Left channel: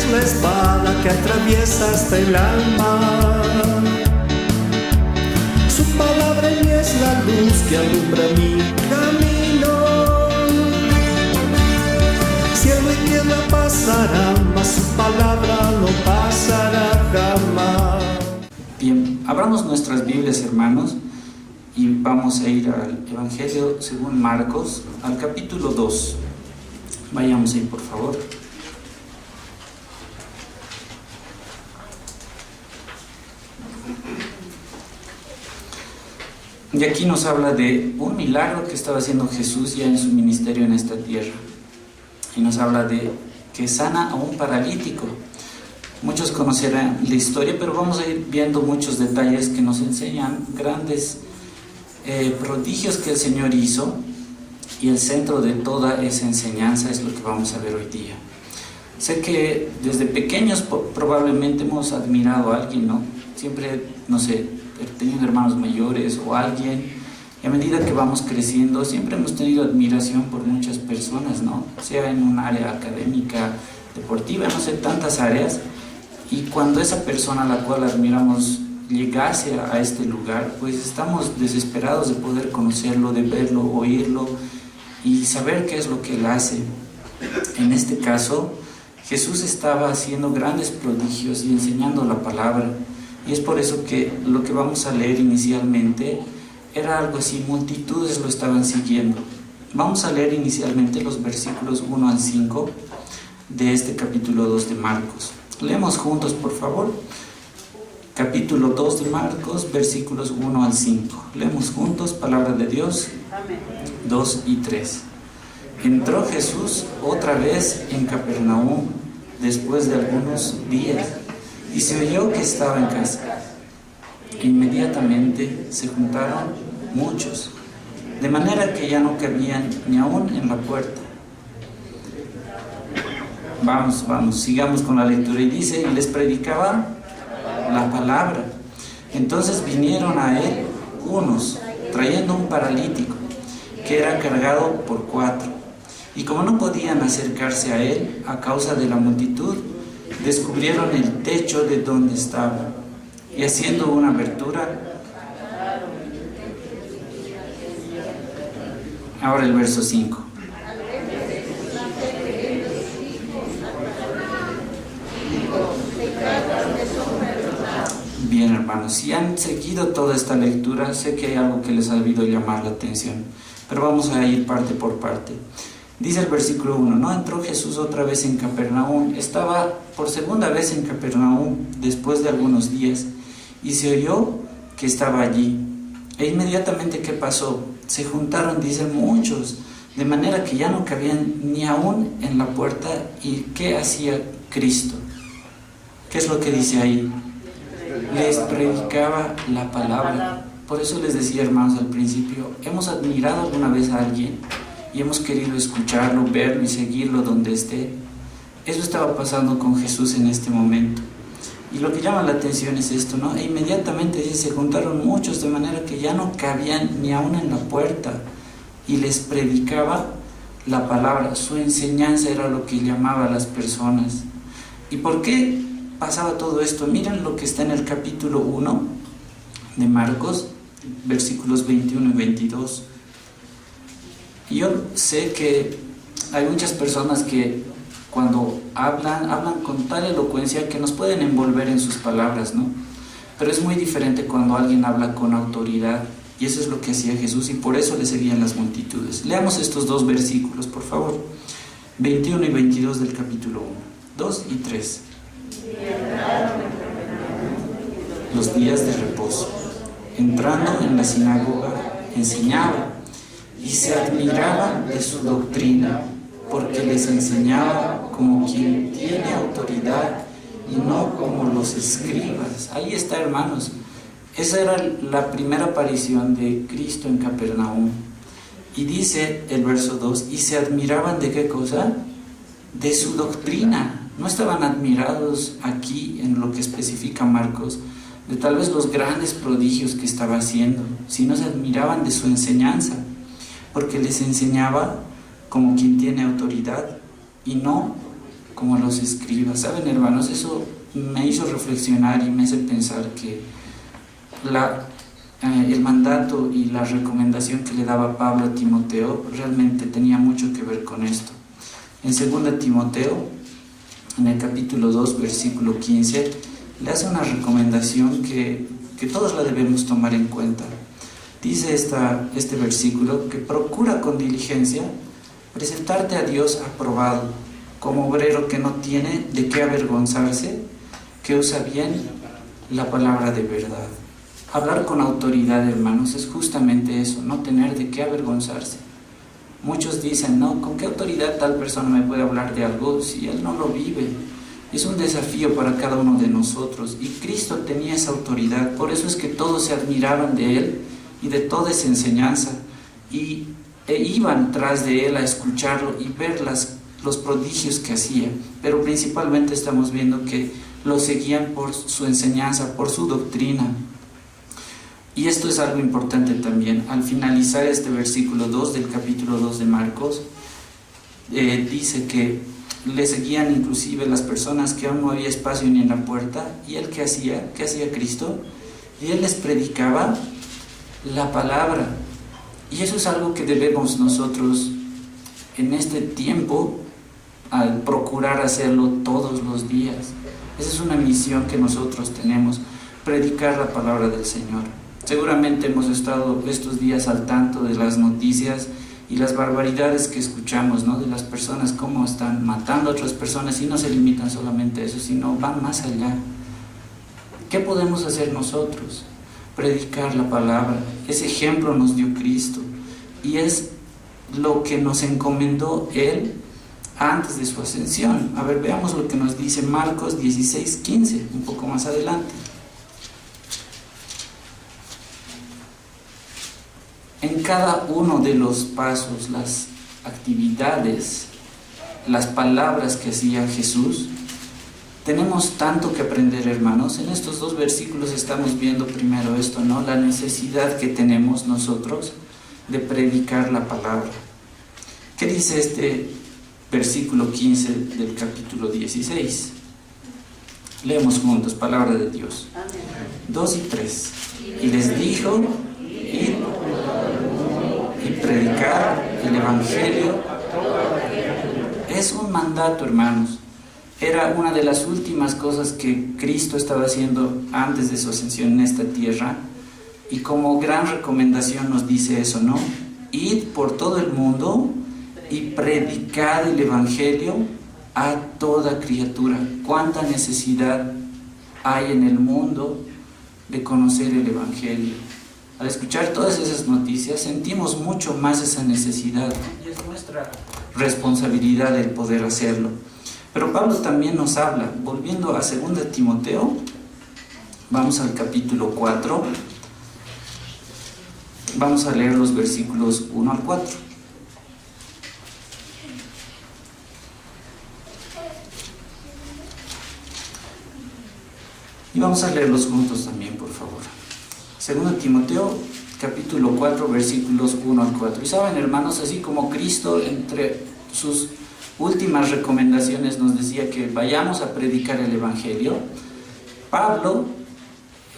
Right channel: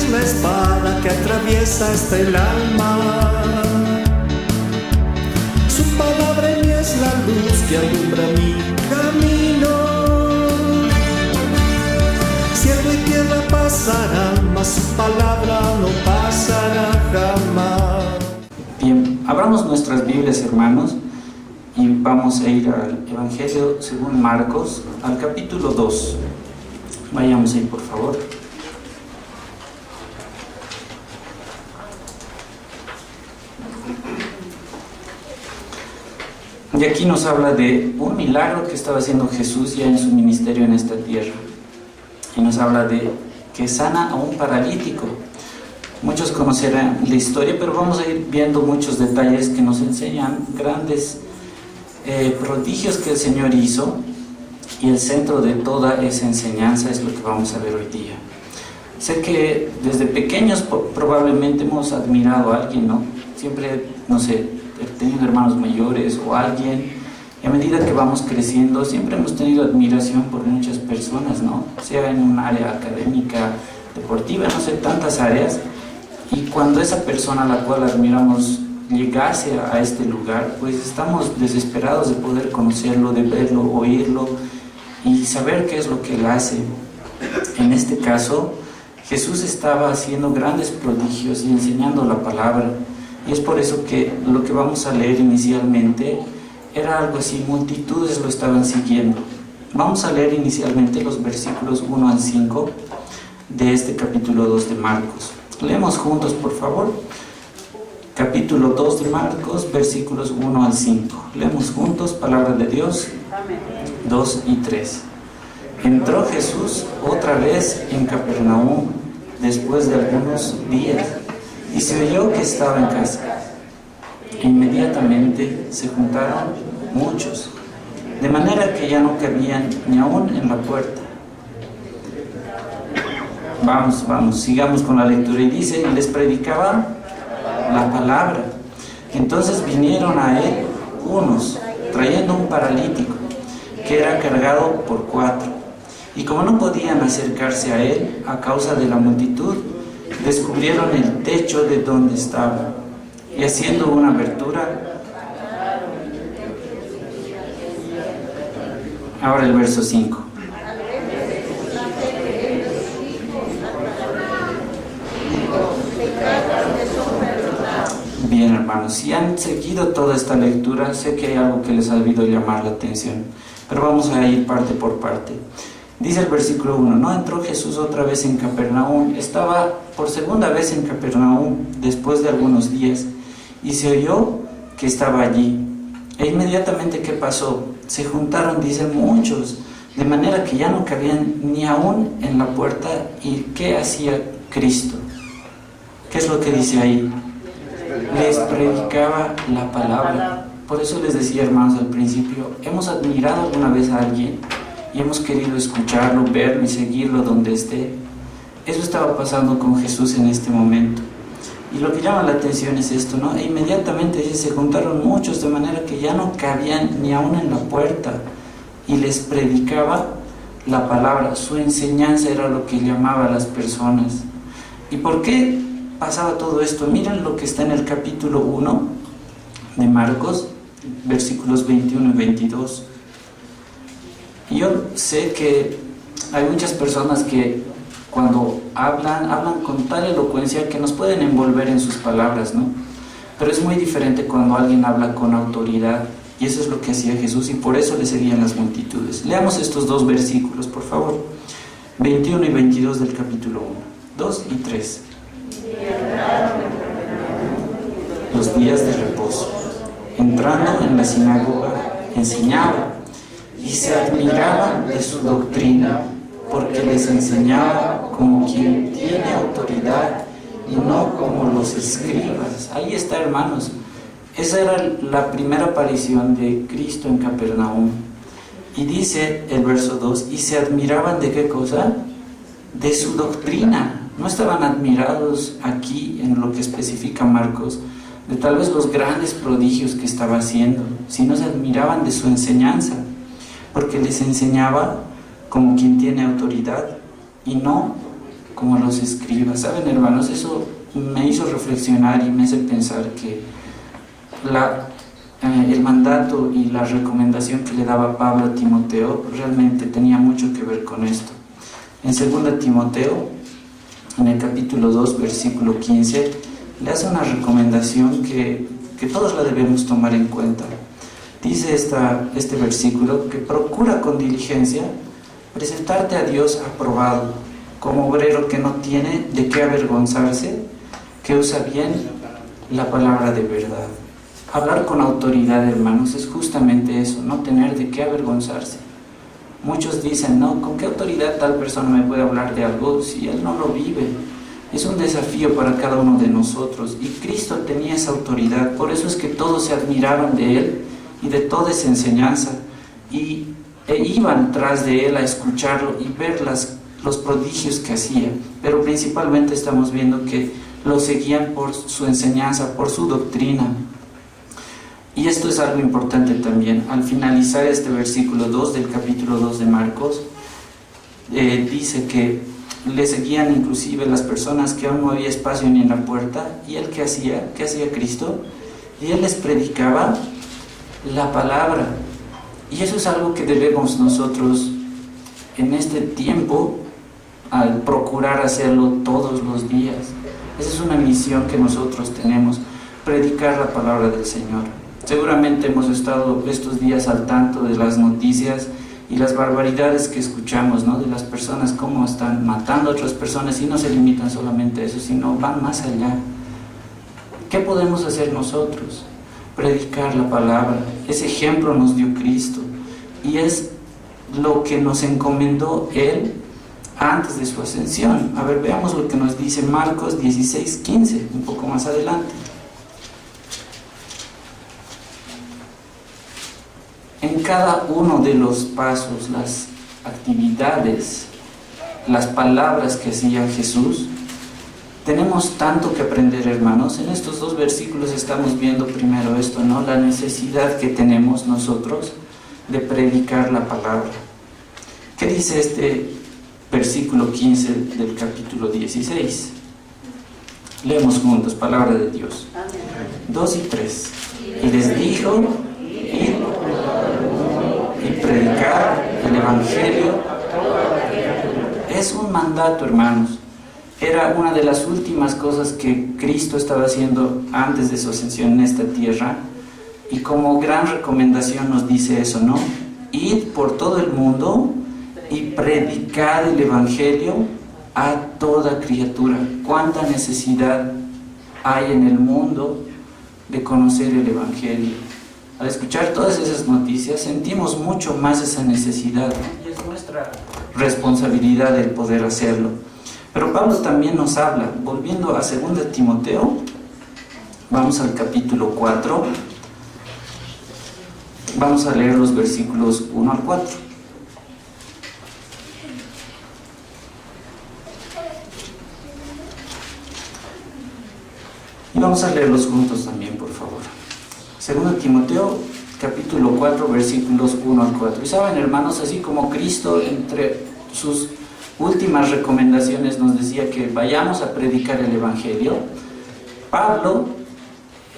es la espada que atraviesa hasta el alma. Su palabra en mí es la luz que alumbra mi camino. Cielo y tierra pasarán, mas su palabra no pasará jamás. Bien, abramos nuestras Biblias, hermanos, y vamos a ir al Evangelio según Marcos, al capítulo 2. Vayamos ahí, por favor. Y aquí nos habla de un milagro que estaba haciendo Jesús ya en su ministerio en esta tierra. Y nos habla de que sana a un paralítico. Muchos conocerán la historia, pero vamos a ir viendo muchos detalles que nos enseñan grandes prodigios que el Señor hizo. Y el centro de toda esa enseñanza es lo que vamos a ver hoy día. Sé que desde pequeños probablemente hemos admirado a alguien, ¿no? Siempre, no sé, he tenido hermanos mayores o alguien, y a medida que vamos creciendo siempre hemos tenido admiración por muchas personas, ¿no? Sea en un área académica, deportiva, no sé, tantas áreas. Y cuando esa persona a la cual admiramos llegase a este lugar, pues estamos desesperados de poder conocerlo, de verlo, oírlo y saber qué es lo que él hace. En este caso, Jesús estaba haciendo grandes prodigios y enseñando la palabra. Y es por eso que lo que vamos a leer inicialmente era algo así, multitudes lo estaban siguiendo. Vamos a leer inicialmente los versículos 1 al 5 de este capítulo 2 de Marcos. Leemos juntos, por favor. Capítulo 2 de Marcos, versículos 1 al 5. Leemos juntos, palabra de Dios. 2 y 3. Entró Jesús otra vez en Capernaum después de algunos días y se oyó que estaba en casa. Inmediatamente se juntaron muchos, de manera que ya no cabían ni aún en la puerta. Vamos, sigamos con la lectura. Y dice, y les predicaba la palabra. Entonces vinieron a él unos, trayendo un paralítico, que era cargado por 4. Y como no podían acercarse a él a causa de la multitud, descubrieron el techo de donde estaba, y haciendo una abertura. Ahora el verso 5. Bien, hermanos, si han seguido toda esta lectura, sé que hay algo que les ha debido llamar la atención, pero vamos a ir parte por parte. Dice el versículo 1, ¿no? Entró Jesús otra vez en Capernaum. Estaba por segunda vez en Capernaum después de algunos días, y se oyó que estaba allí. E inmediatamente, ¿qué pasó? Se juntaron, dicen, muchos, de manera que ya no cabían ni aún en la puerta. ¿Y qué hacía Cristo? ¿Qué es lo que dice ahí? Les predicaba la palabra. Por eso les decía, hermanos, al principio, hemos admirado alguna vez a alguien y hemos querido escucharlo, verlo y seguirlo donde esté. Eso estaba pasando con Jesús en este momento. Y lo que llama la atención es esto, ¿no? E inmediatamente dice, se juntaron muchos, de manera que ya no cabían ni aún en la puerta, y les predicaba la palabra. Su enseñanza era lo que llamaba a las personas. ¿Y por qué pasaba todo esto? Miren lo que está en el capítulo 1 de Marcos, versículos 21 y 22. Y yo sé que hay muchas personas que cuando hablan con tal elocuencia que nos pueden envolver en sus palabras, ¿no? Pero es muy diferente cuando alguien habla con autoridad, y eso es lo que hacía Jesús, y por eso le seguían las multitudes. Leamos estos dos versículos, por favor. 21 y 22 del capítulo 1. 2 y 3. Los días de reposo. Entrando en la sinagoga, enseñaba, y se admiraban de su doctrina, porque les enseñaba como quien tiene autoridad y no como los escribas. Ahí está, hermanos. Esa era la primera aparición de Cristo en Capernaum. Y dice el verso 2, y se admiraban ¿de qué cosa? De su doctrina. No estaban admirados aquí en lo que especifica Marcos de tal vez los grandes prodigios que estaba haciendo, sino se admiraban de su enseñanza, porque les enseñaba como quien tiene autoridad y no como los escribas. ¿Saben, hermanos? Eso me hizo reflexionar y me hace pensar que el mandato y la recomendación que le daba Pablo a Timoteo realmente tenía mucho que ver con esto. En 2 Timoteo, en el capítulo 2, versículo 15, le hace una recomendación que todos la debemos tomar en cuenta. Dice este versículo que procura con diligencia presentarte a Dios aprobado, como obrero que no tiene de qué avergonzarse, que usa bien la palabra de verdad. Hablar con autoridad, hermanos, es justamente eso, no tener de qué avergonzarse. Muchos dicen, no, ¿con qué autoridad tal persona me puede hablar de algo si él no lo vive? Es un desafío para cada uno de nosotros, y Cristo tenía esa autoridad. Por eso es que todos se admiraban de él y de toda esa enseñanza, e iban tras de él a escucharlo y ver los prodigios que hacía. Pero principalmente estamos viendo que lo seguían por su enseñanza, por su doctrina. Y esto es algo importante también. Al finalizar este versículo 2 del capítulo 2 de Marcos, dice que le seguían inclusive las personas que aún no había espacio ni en la puerta. ¿Y él qué hacía? ¿Qué hacía Cristo? Y él les predicaba la palabra. Y eso es algo que debemos nosotros en este tiempo al procurar hacerlo todos los días. Esa es una misión que nosotros tenemos, predicar la palabra del Señor. Seguramente hemos estado estos días al tanto de las noticias y las barbaridades que escuchamos, ¿no? De las personas, cómo están matando a otras personas, y no se limitan solamente a eso, sino van más allá. ¿Qué podemos hacer nosotros? Predicar la palabra. Ese ejemplo nos dio Cristo, y es lo que nos encomendó Él antes de su ascensión. A ver, veamos lo que nos dice Marcos 16:15, un poco más adelante. En cada uno de los pasos, las actividades, las palabras que hacía Jesús, tenemos tanto que aprender, hermanos. En estos 2 versículos estamos viendo primero esto, ¿no? La necesidad que tenemos nosotros de predicar la palabra. ¿Qué dice este versículo 15 del capítulo 16? Leemos juntos, palabra de Dios. 2 y 3. Y les dijo, id y predicar el Evangelio. Es un mandato, hermanos. Era una de las últimas cosas que Cristo estaba haciendo antes de su ascensión en esta tierra, y como gran recomendación nos dice eso, ¿no? Id por todo el mundo y predicad el Evangelio a toda criatura. ¿Cuánta necesidad hay en el mundo de conocer el Evangelio? Al escuchar todas esas noticias sentimos mucho más esa necesidad, y es nuestra responsabilidad el poder hacerlo. Pero Pablo también nos habla, volviendo a 2 Timoteo, vamos al capítulo 4, vamos a leer los versículos 1 al 4. Y vamos a leerlos juntos también, por favor. 2 Timoteo, capítulo 4, versículos 1 al 4. Y saben, hermanos, así como Cristo entre sus últimas recomendaciones nos decía que vayamos a predicar el Evangelio, Pablo,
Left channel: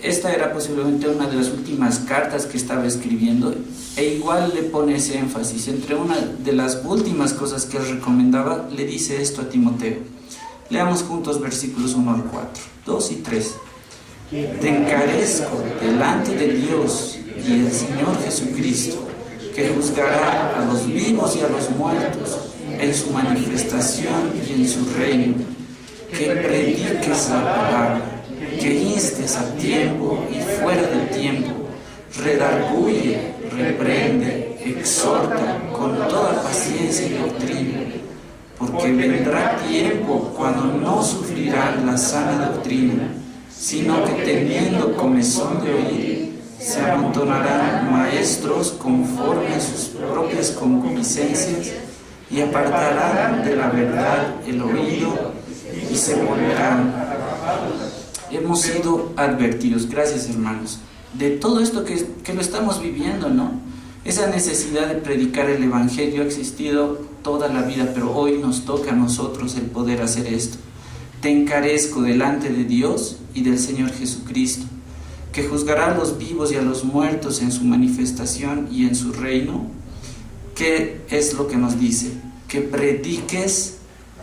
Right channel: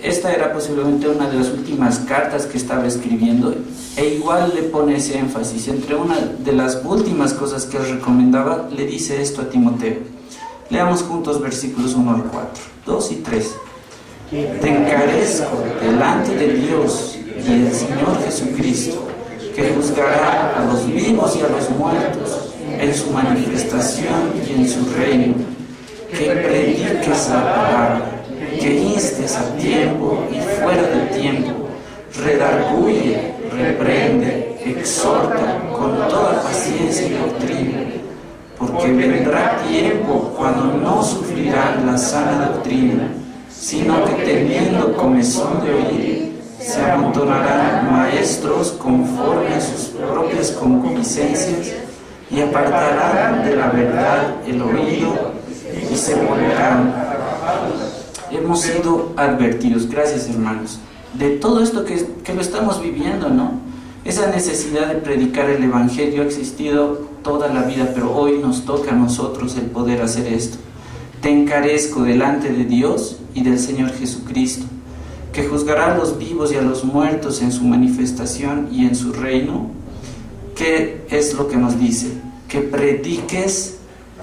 esta era posiblemente una de las últimas cartas que estaba escribiendo, e igual le pone ese énfasis. Entre una de las últimas cosas que él recomendaba, le dice esto a Timoteo. Leamos juntos versículos 1 al 4, 2 y 3. Te encarezco delante de Dios y el Señor Jesucristo, que juzgará a los vivos y a los muertos en su manifestación y en su reino, que prediques la palabra, que instes a tiempo y fuera de tiempo, redarguye, reprende, exhorta con toda paciencia y doctrina, porque vendrá tiempo cuando no sufrirán la sana doctrina, sino que teniendo comezón de oír, se amontonarán maestros conforme a sus propias concupiscencias, y apartarán de la verdad el oído y se volverán. Hemos sido advertidos, gracias hermanos, de todo esto que lo estamos viviendo, ¿no? Esa necesidad de predicar el Evangelio ha existido toda la vida, pero hoy nos toca a nosotros el poder hacer esto. Te encarezco delante de Dios y del Señor Jesucristo, que juzgará a los vivos y a los muertos en su manifestación y en su reino. ¿Qué es lo que nos dice? Que prediques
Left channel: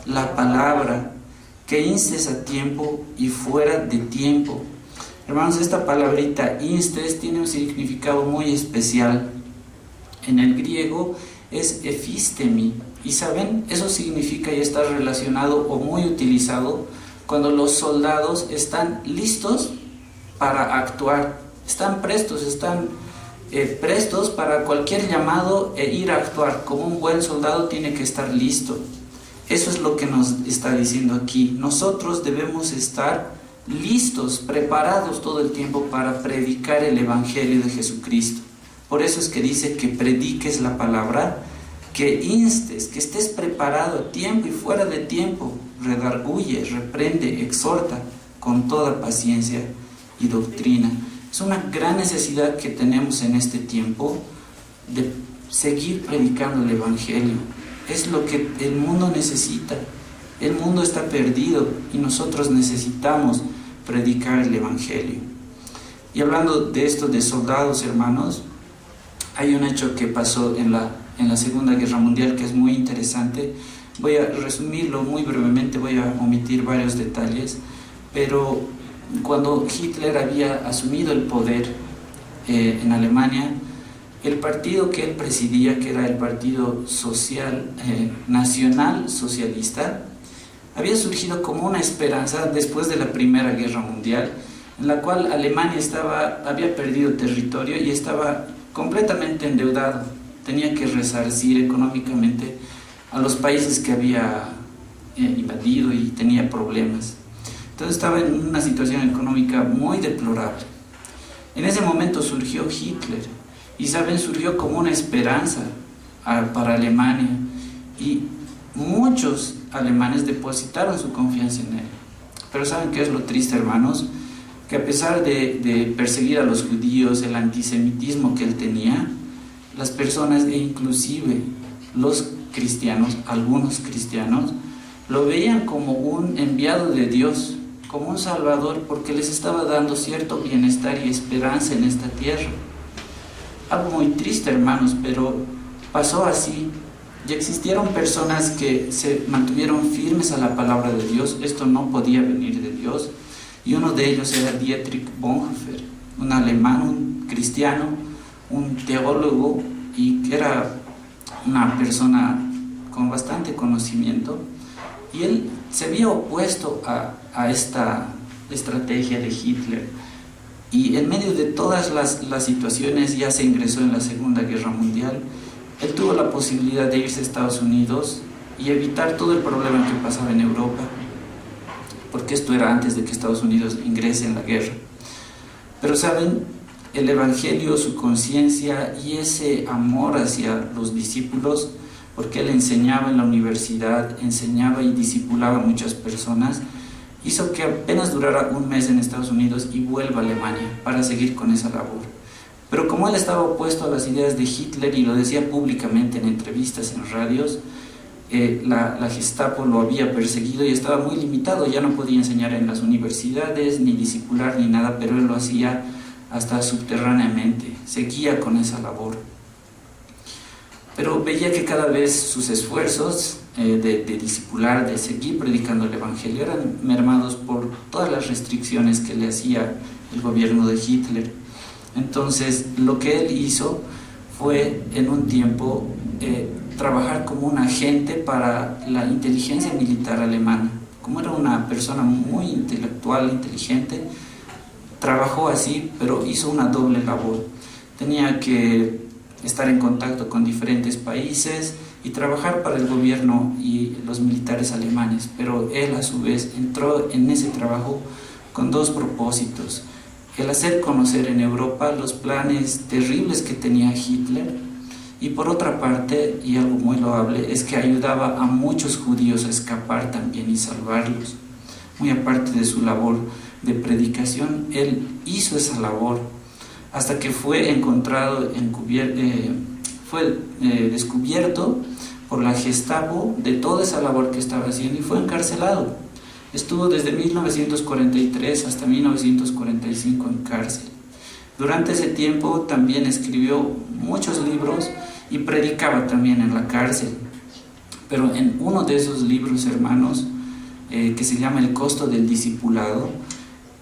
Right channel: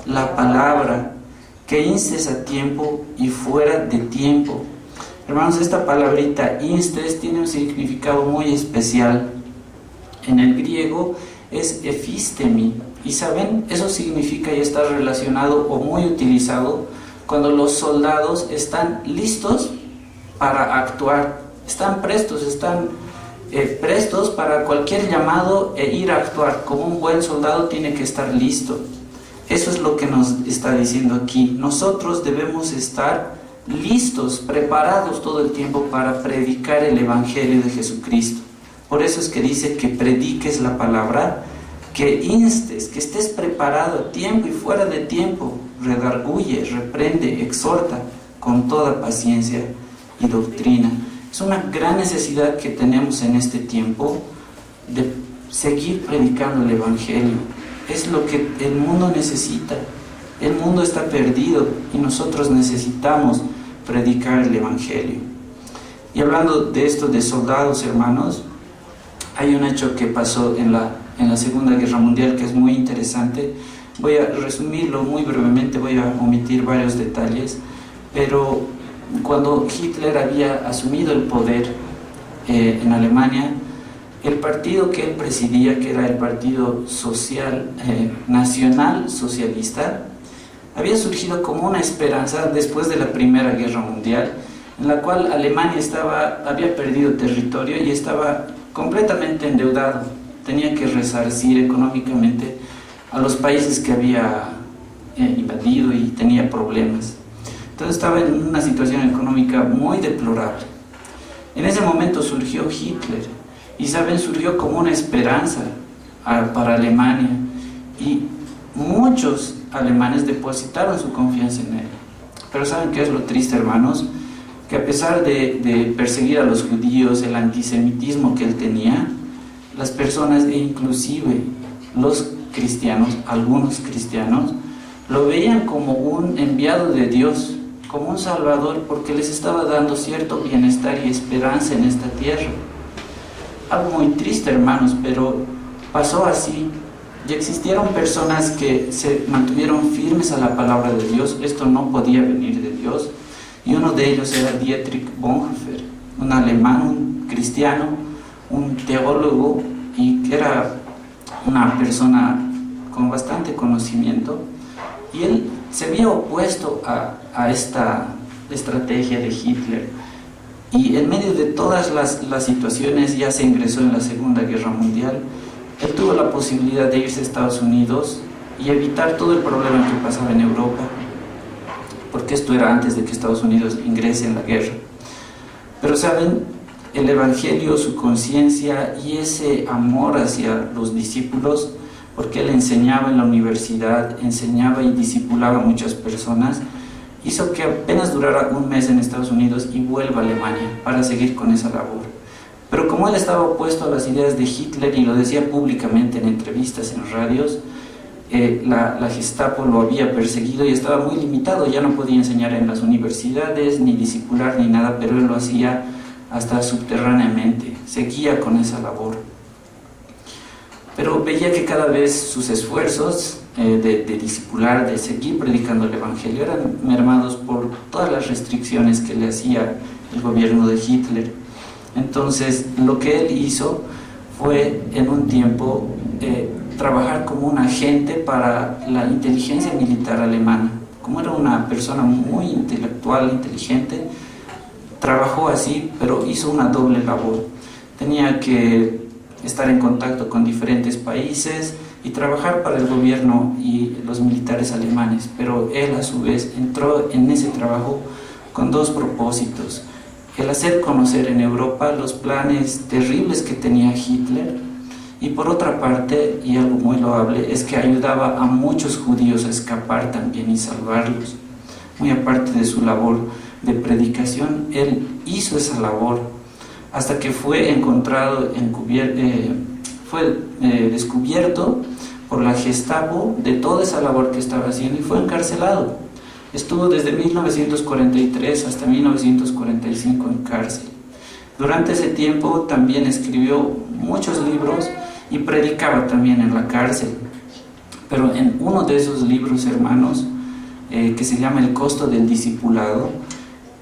la palabra, que instes a tiempo y fuera de tiempo. Hermanos, esta palabrita instes tiene un significado muy especial. En el griego es ephistemi, y saben, eso significa y está relacionado o muy utilizado cuando los soldados están listos para actuar, están prestos para cualquier llamado e ir a actuar. Como un buen soldado tiene que estar listo. Eso es lo que nos está diciendo aquí. Nosotros debemos estar listos, preparados todo el tiempo para predicar el Evangelio de Jesucristo. Por eso es que dice que prediques la palabra, que instes, que estés preparado a tiempo y fuera de tiempo, redarguye, reprende, exhorta con toda paciencia y doctrina. Es una gran necesidad que tenemos en este tiempo de seguir predicando el Evangelio. Es lo que el mundo necesita. El mundo está perdido y nosotros necesitamos predicar el Evangelio. Y hablando de esto de soldados, hermanos, hay un hecho que pasó en la Segunda Guerra Mundial que es muy interesante. Voy a resumirlo muy brevemente, voy a omitir varios detalles, pero cuando Hitler había asumido el poder en Alemania, el partido que él presidía, que era el Partido Social Nacional Socialista, había surgido como una esperanza después de la Primera Guerra Mundial, en la cual Alemania había perdido territorio y estaba completamente endeudado. Tenía que resarcir económicamente a los países que había invadido y tenía problemas. Entonces estaba en una situación económica muy deplorable. En ese momento surgió Hitler y surgió como una esperanza para Alemania, y muchos alemanes depositaron su confianza en él. Pero ¿saben qué es lo triste, hermanos? Que a pesar de perseguir a los judíos, el antisemitismo que él tenía, las personas e inclusive los cristianos, algunos cristianos, lo veían como un enviado de Dios, como un salvador, porque les estaba dando cierto bienestar y esperanza en esta tierra. Algo muy triste, hermanos, pero pasó así. Y existieron personas que se mantuvieron firmes a la palabra de Dios. Esto no podía venir de Dios. Y uno de ellos era Dietrich Bonhoeffer, un alemán, un cristiano, un teólogo, y que era una persona con bastante conocimiento. Y él se había opuesto a esta estrategia de Hitler. Y en medio de todas las situaciones, ya se ingresó en la Segunda Guerra Mundial, él tuvo la posibilidad de irse a Estados Unidos y evitar todo el problema que pasaba en Europa, porque esto era antes de que Estados Unidos ingrese en la guerra. Pero saben, el Evangelio, su conciencia y ese amor hacia los discípulos, porque él enseñaba en la universidad, enseñaba y discipulaba a muchas personas, hizo que apenas durara un mes en Estados Unidos y vuelva a Alemania para seguir con esa labor. Pero como él estaba opuesto a las ideas de Hitler y lo decía públicamente en entrevistas, en radios, la Gestapo lo había perseguido y estaba muy limitado. Ya no podía enseñar en las universidades, ni discipular, ni nada, pero él lo hacía hasta subterráneamente, seguía con esa labor. Pero veía que cada vez sus esfuerzos de discipular, de seguir predicando el Evangelio, eran mermados por todas las restricciones que le hacía el gobierno de Hitler. Entonces, lo que él hizo fue, en un tiempo, trabajar como un agente para la inteligencia militar alemana. Como era una persona muy intelectual, inteligente, trabajó así, pero hizo una doble labor. Tenía que estar en contacto con diferentes países y trabajar para el gobierno y los militares alemanes, pero él a su vez entró en ese trabajo con dos propósitos: el hacer conocer en Europa los planes terribles que tenía Hitler, y por otra parte, y algo muy loable, es que ayudaba a muchos judíos a escapar también y salvarlos. Muy aparte de su labor de predicación, él hizo esa labor hasta que fue encontrado, fue descubierto por la Gestapo de toda esa labor que estaba haciendo y fue encarcelado. Estuvo desde 1943 hasta 1945 en cárcel. Durante ese tiempo también escribió muchos libros y predicaba también en la cárcel. Pero en uno de esos libros, hermanos, que se llama El costo del discipulado,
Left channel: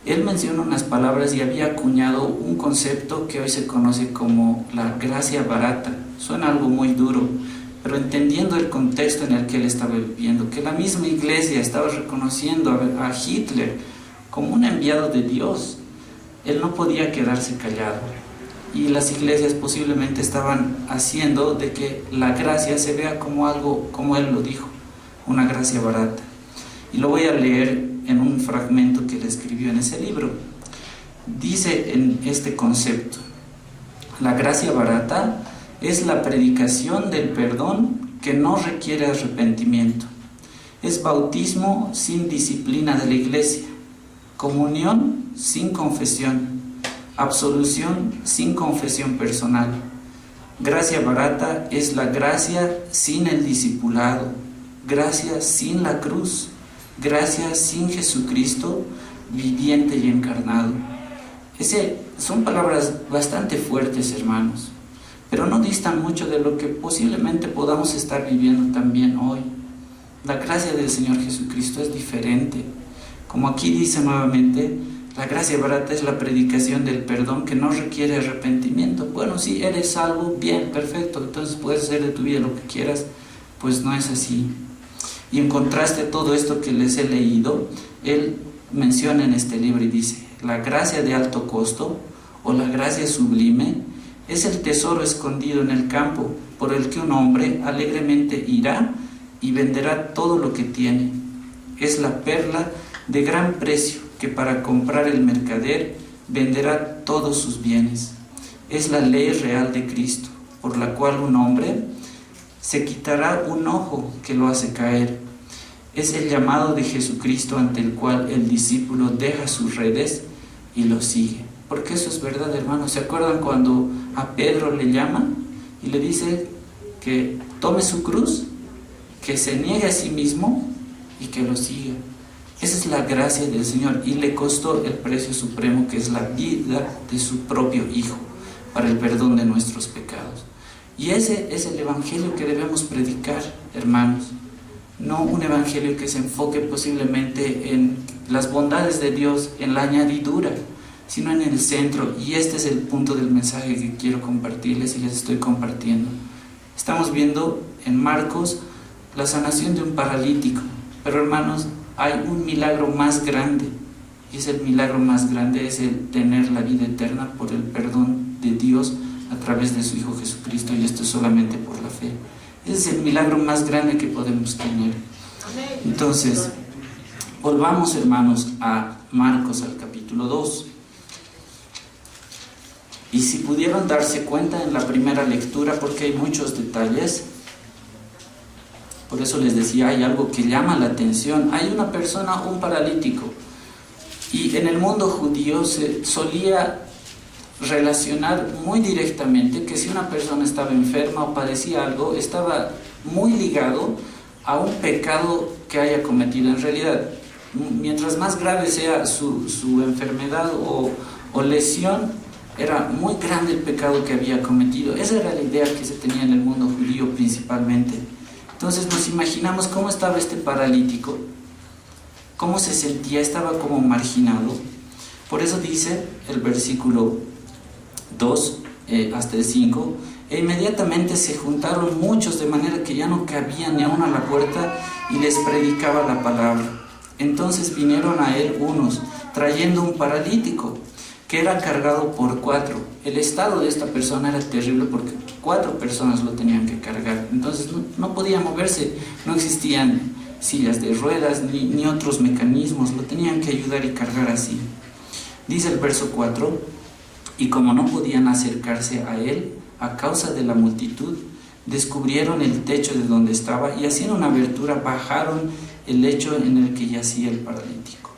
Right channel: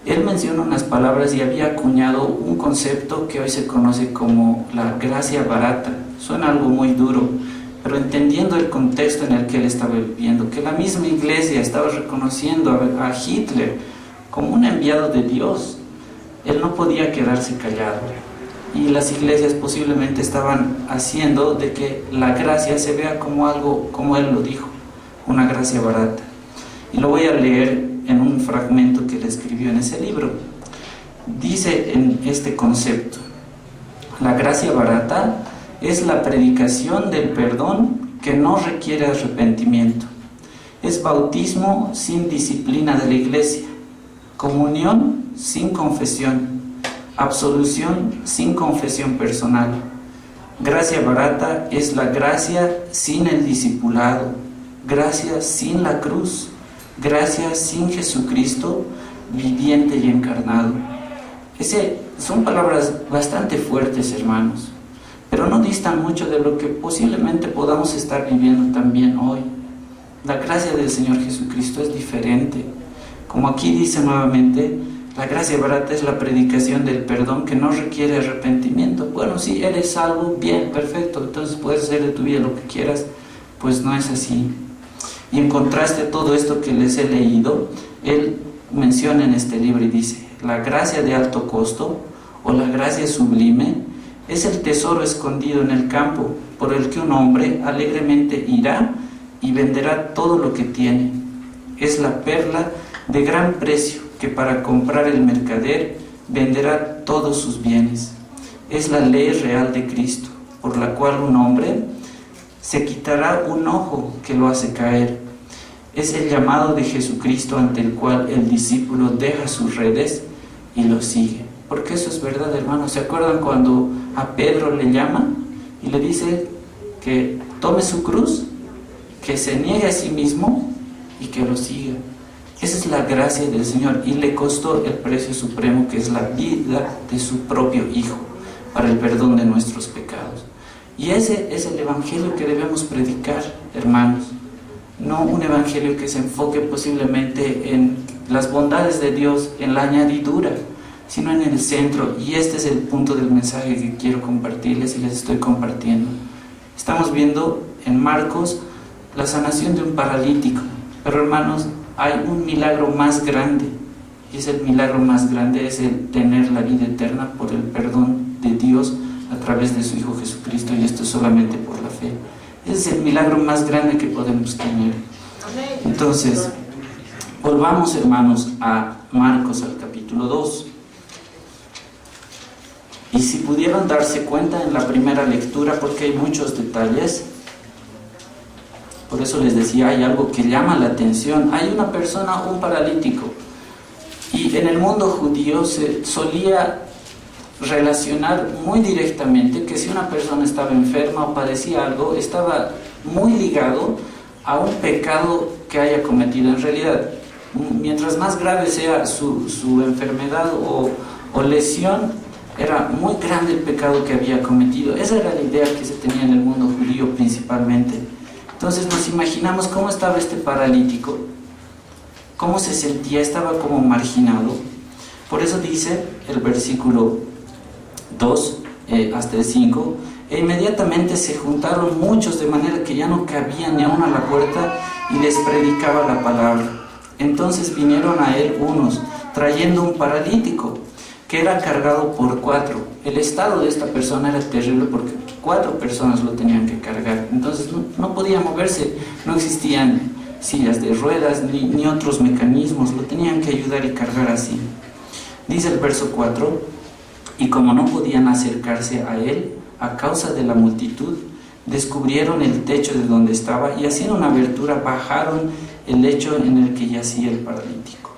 él menciona unas palabras y había acuñado un concepto que hoy se conoce como la gracia barata. Suena algo muy duro, pero entendiendo el contexto en el que él estaba viviendo, que la misma iglesia estaba reconociendo a Hitler como un enviado de Dios, él no podía quedarse callado. Y las iglesias posiblemente estaban haciendo de que la gracia se vea como algo, como él lo dijo, una gracia barata. Y lo voy a leer en un fragmento que él escribió en ese libro. Dice en este concepto: la gracia barata es la predicación del perdón que no requiere arrepentimiento. Es bautismo sin disciplina de la iglesia, comunión sin confesión, absolución sin confesión personal. Gracia barata es la gracia sin el discipulado, gracia sin la cruz, gracia sin Jesucristo viviente y encarnado. Son palabras bastante fuertes, hermanos, pero no distan mucho de lo que posiblemente podamos estar viviendo también hoy. La gracia del Señor Jesucristo es diferente. Como aquí dice nuevamente, la gracia barata es la predicación del perdón que no requiere arrepentimiento. Bueno, si eres salvo, bien, perfecto, entonces puedes hacer de tu vida lo que quieras. Pues no es así. Y en contraste a todo esto que les he leído, él menciona en este libro y dice: la gracia de alto costo o la gracia sublime es el tesoro escondido en el campo por el que un hombre alegremente irá y venderá todo lo que tiene. Es la perla de gran precio que para comprar el mercader venderá todos sus bienes. Es la ley real de Cristo, por la cual un hombre se quitará un ojo que lo hace caer. Es el llamado de Jesucristo ante el cual el discípulo deja sus redes y lo sigue. Porque eso es verdad, hermanos. ¿Se acuerdan cuando a Pedro le llaman y le dice que tome su cruz, que se niegue a sí mismo y que lo siga? Esa es la gracia del Señor y le costó el precio supremo, que es la vida de su propio Hijo para el perdón de nuestros pecados. Y ese es el evangelio que debemos predicar, hermanos. No un evangelio que se enfoque posiblemente en las bondades de Dios, en la añadidura, sino en el centro. Y este es el punto del mensaje que quiero compartirles y les estoy compartiendo. Estamos viendo en Marcos la sanación de un paralítico, pero hermanos, hay un milagro más grande, y ese milagro más grande es el tener la vida eterna por el perdón de Dios a través de su Hijo Jesucristo, y esto solamente por la fe. Ese es el milagro más grande que podemos tener. Entonces, volvamos, hermanos, a Marcos, al capítulo 2. Y si pudieron darse cuenta en la primera lectura, porque hay muchos detalles, por eso les decía, hay algo que llama la atención. Hay una persona, un paralítico, y en el mundo judío se solía relacionar muy directamente que si una persona estaba enferma o padecía algo, estaba muy ligado a un pecado que haya cometido. En realidad, mientras más grave sea su enfermedad o lesión, era muy grande el pecado que había cometido. Esa era la idea que se tenía en el mundo judío principalmente. Entonces nos imaginamos cómo estaba este paralítico, cómo se sentía, estaba como marginado. Por eso dice el versículo 2 hasta el 5: e inmediatamente se juntaron muchos, de manera que ya no cabían ni aún a la puerta, y les predicaba la palabra. Entonces vinieron a él unos, trayendo un paralítico, que era cargado por 4. El estado de esta persona era terrible porque 4 personas lo tenían que cargar. Entonces no podía moverse, no existían sillas de ruedas ni otros mecanismos, lo tenían que ayudar y cargar así. Dice el verso 4: y como no podían acercarse a él a causa de la multitud, descubrieron el techo de donde estaba y haciendo una abertura bajaron el lecho en el que yacía el paralítico.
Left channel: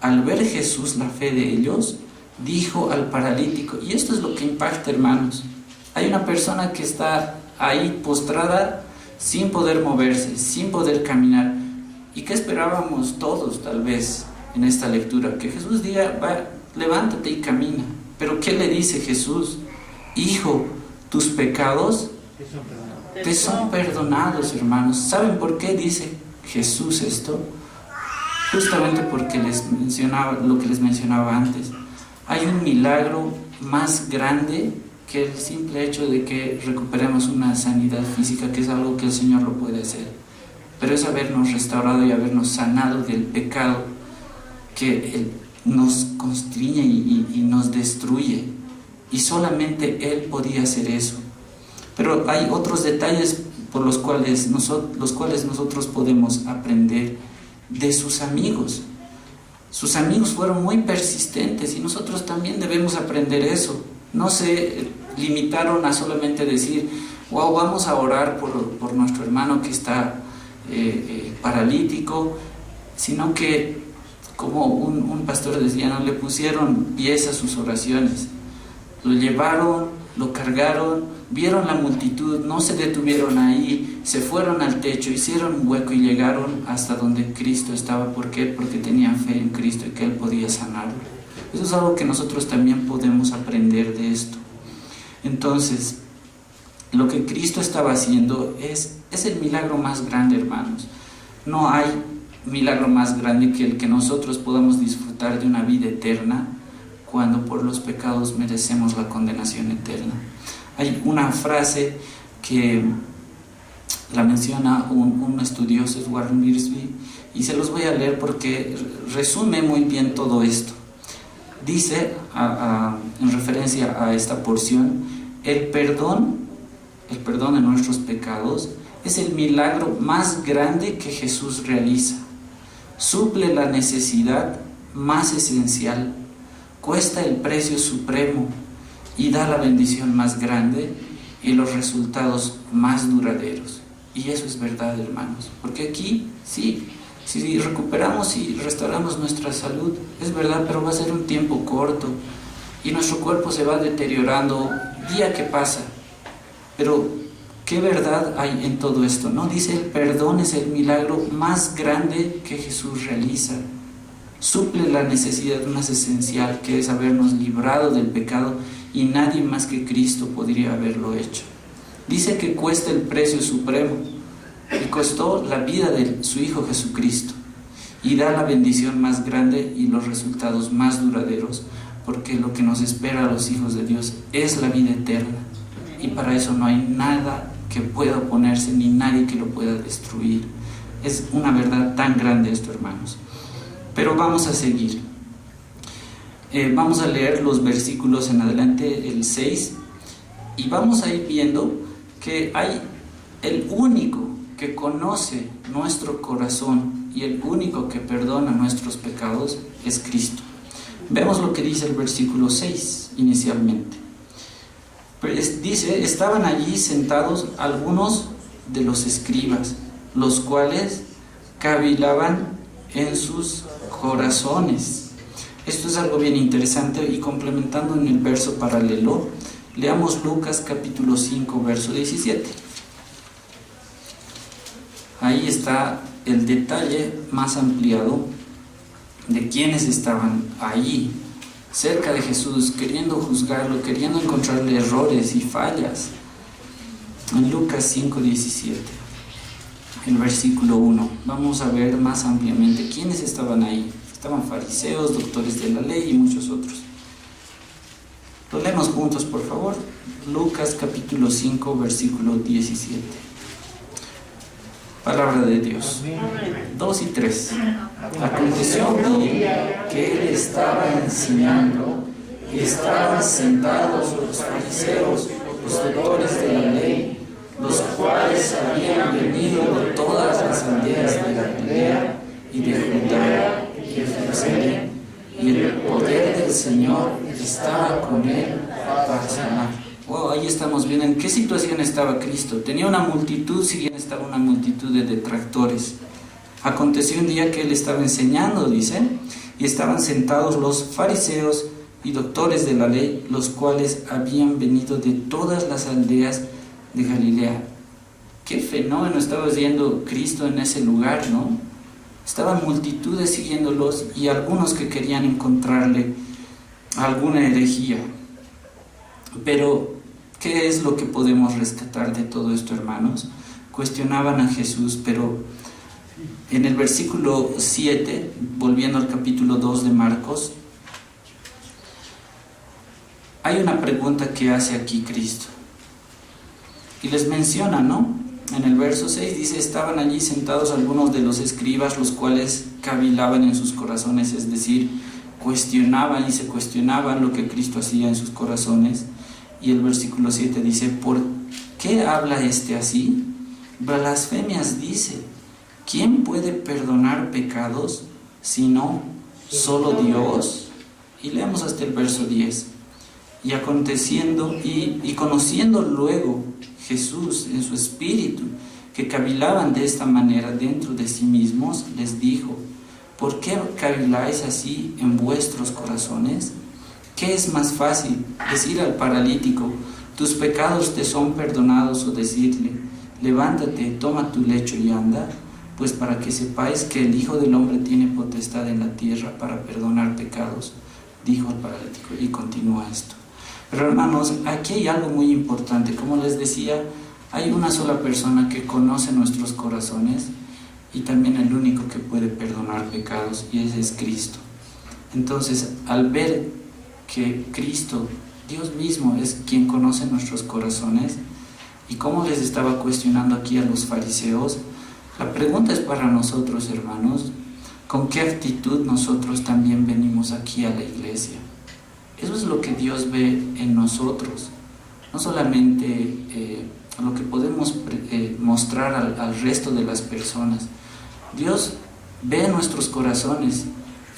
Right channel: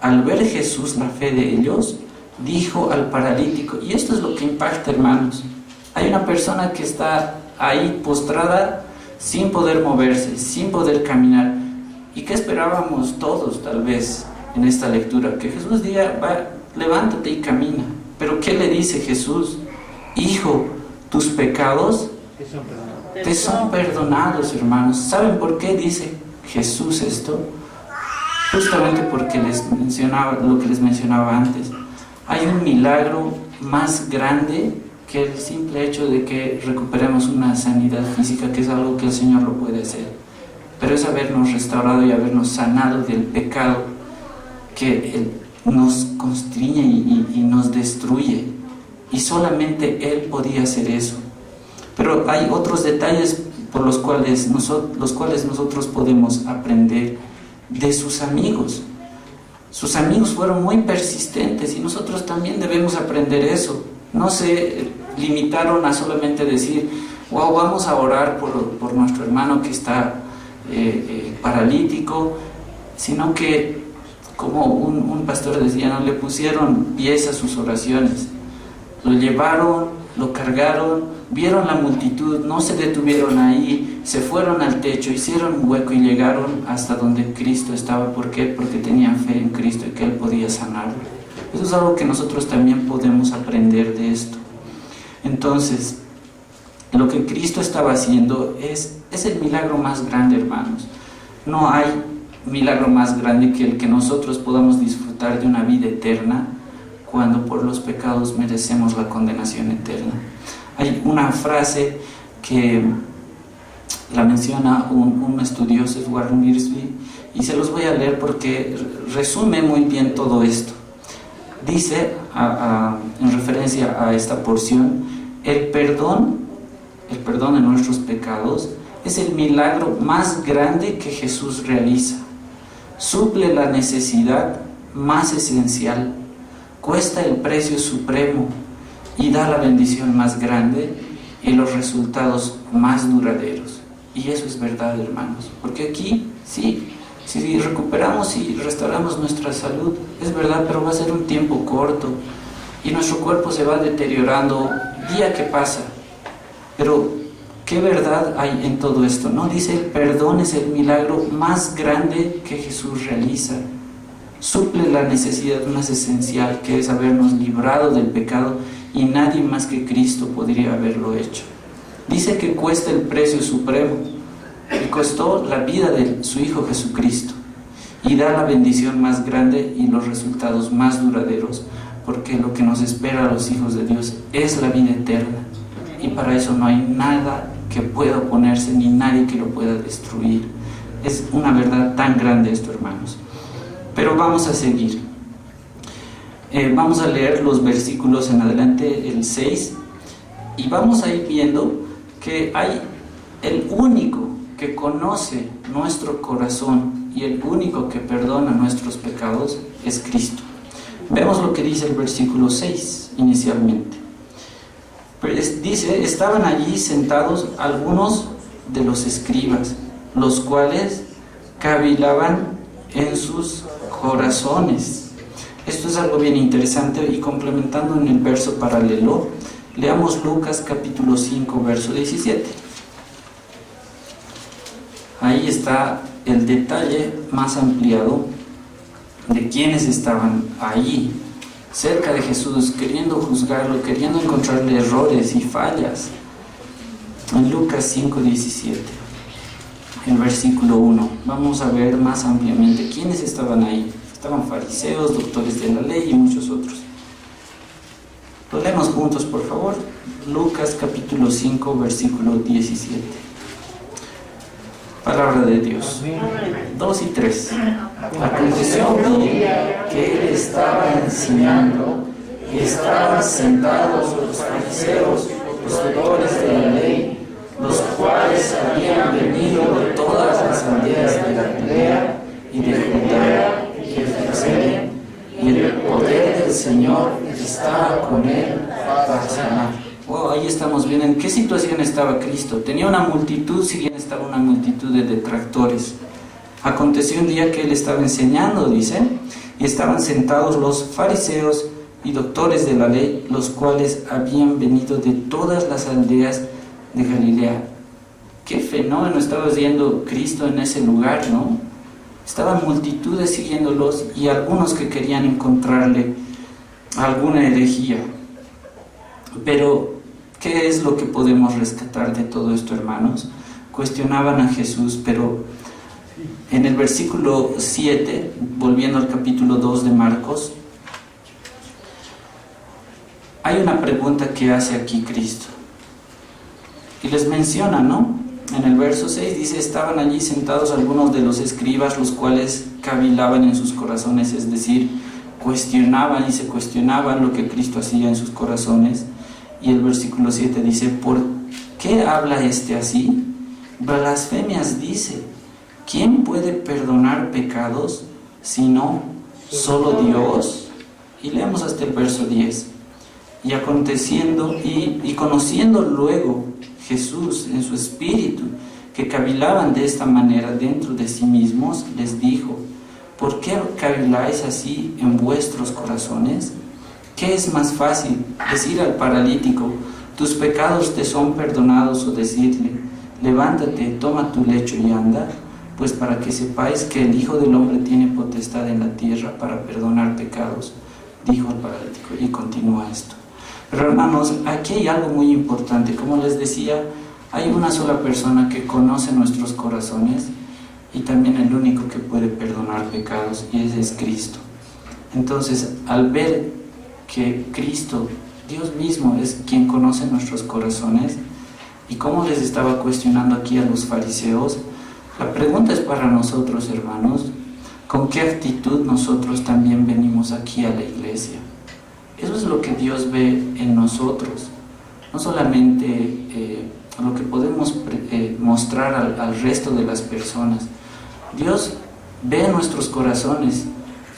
Al ver Jesús la fe de ellos, dijo al paralítico, y esto es lo que impacta, hermanos, hay una persona que está ahí postrada sin poder moverse, sin poder caminar. ¿Y qué esperábamos todos tal vez en esta lectura? Que Jesús diga, va, levántate y camina. Pero ¿qué le dice Jesús? Hijo, tus pecados te son perdonados, hermanos. ¿Saben por qué dice Jesús esto? Justamente porque les mencionaba lo que les mencionaba antes. Hay un milagro más grande que el simple hecho de que recuperemos una sanidad física, que es algo que el Señor lo puede hacer. Pero es habernos restaurado y habernos sanado del pecado que nos constriñe y nos destruye. Y solamente Él podía hacer eso. Pero hay otros detalles por los cuales nosotros podemos aprender de sus amigos. Sus amigos fueron muy persistentes y nosotros también debemos aprender eso. No se limitaron a solamente decir, wow, vamos a orar por nuestro hermano que está paralítico, sino que, como un pastor decía, no le pusieron pies a sus oraciones. Lo llevaron, lo cargaron, vieron la multitud, no se detuvieron ahí, se fueron al techo, hicieron un hueco y llegaron hasta donde Cristo estaba. ¿Por qué? Porque tenían fe en Cristo y que Él podía sanarlo. Eso es algo que nosotros también podemos aprender de esto. Entonces, lo que Cristo estaba haciendo es el milagro más grande, hermanos. No hay milagro más grande que el que nosotros podamos disfrutar de una vida eterna cuando por los pecados merecemos la condenación eterna. Hay una frase que la menciona un estudioso, Edward Mirsby, y se los voy a leer porque resume muy bien todo esto. Dice, en referencia a esta porción, el perdón de nuestros pecados es el milagro más grande que Jesús realiza. Suple la necesidad más esencial, cuesta el precio supremo y da la bendición más grande y los resultados más duraderos. Y eso es verdad, hermanos, porque aquí sí, si recuperamos y restauramos nuestra salud, es verdad, pero va a ser un tiempo corto y nuestro cuerpo se va deteriorando día que pasa. Pero ¿qué verdad hay en todo esto? No, dice, el perdón es el milagro más grande que Jesús realiza. Suple la necesidad más esencial, que es habernos librado del pecado, y nadie más que Cristo podría haberlo hecho. Dice que cuesta el precio supremo, y costó la vida de su Hijo Jesucristo, y da la bendición más grande y los resultados más duraderos, porque lo que nos espera a los hijos de Dios es la vida eterna, y para eso no hay nada que pueda oponerse, ni nadie que lo pueda destruir. Es una verdad tan grande esto, hermanos. Pero vamos a seguir. Vamos a leer los versículos en adelante, el 6, y vamos a ir viendo que hay el único que conoce nuestro corazón y el único que perdona nuestros pecados es Cristo. Vemos lo que dice el versículo 6 inicialmente. Dice, estaban allí sentados algunos de los escribas, los cuales cavilaban en sus corazones. Esto es algo bien interesante, y complementando en el verso paralelo, leamos Lucas capítulo 5, verso 17. Ahí está el detalle más ampliado de quienes estaban ahí, cerca de Jesús, queriendo juzgarlo, queriendo encontrarle errores y fallas. En Lucas 5, 17, el versículo 1, vamos a ver más ampliamente quiénes estaban ahí. Estaban fariseos, doctores de la ley y muchos otros. Lo leemos juntos, por favor. Lucas capítulo 5, versículo 17. Palabra de Dios. 2 y 3. Aconteció un día que él estaba enseñando y estaban sentados los fariseos, los doctores de la ley, los cuales habían venido de todas las aldeas de Galilea y de Judea y de Jerusalén, y el poder del Señor estaba con él para sanar. Wow, ahí estamos viendo en qué situación estaba Cristo. Tenía una multitud, si bien estaba una multitud de detractores. Aconteció un día que él estaba enseñando, dice, y estaban sentados los fariseos y doctores de la ley, los cuales habían venido de todas las aldeas de Galilea. qué fenómeno estaba haciendo Cristo en ese lugar, ¿no? Estaban multitudes siguiéndolos y algunos que querían encontrarle alguna herejía. Pero, ¿qué es lo que podemos rescatar de todo esto, hermanos? Cuestionaban a Jesús, pero en el versículo 7, volviendo al capítulo 2 de Marcos, hay una pregunta que hace aquí Cristo. Y les menciona, ¿no? En el verso 6 dice, estaban allí sentados algunos de los escribas, los cuales cavilaban en sus corazones, es decir, cuestionaban y se cuestionaban lo que Cristo hacía en sus corazones. Y el versículo 7 dice, ¿por qué habla este así? Blasfemias dice, ¿quién puede perdonar pecados sino solo Dios? Y leemos hasta el verso 10. Y aconteciendo y conociendo luego Jesús en su espíritu, que cavilaban de esta manera dentro de sí mismos, les dijo, ¿por qué caviláis así en vuestros corazones? ¿Qué es más fácil, decir al paralítico, tus pecados te son perdonados, o decirle, levántate, toma tu lecho y anda? Pues para que sepáis que el Hijo del Hombre tiene potestad en la tierra para perdonar pecados, dijo al paralítico, y continúa esto. Pero hermanos, aquí hay algo muy importante. Como les decía, hay una sola persona que conoce nuestros corazones y también el único que puede perdonar pecados, y ese es Cristo. Entonces, al ver que Cristo, Dios mismo, es quien conoce nuestros corazones, y como les estaba cuestionando aquí a los fariseos, la pregunta es para nosotros, hermanos, ¿con qué actitud nosotros también venimos aquí a la iglesia? Eso es lo que Dios ve en nosotros, no solamente lo que podemos mostrar al resto de las personas. Dios ve nuestros corazones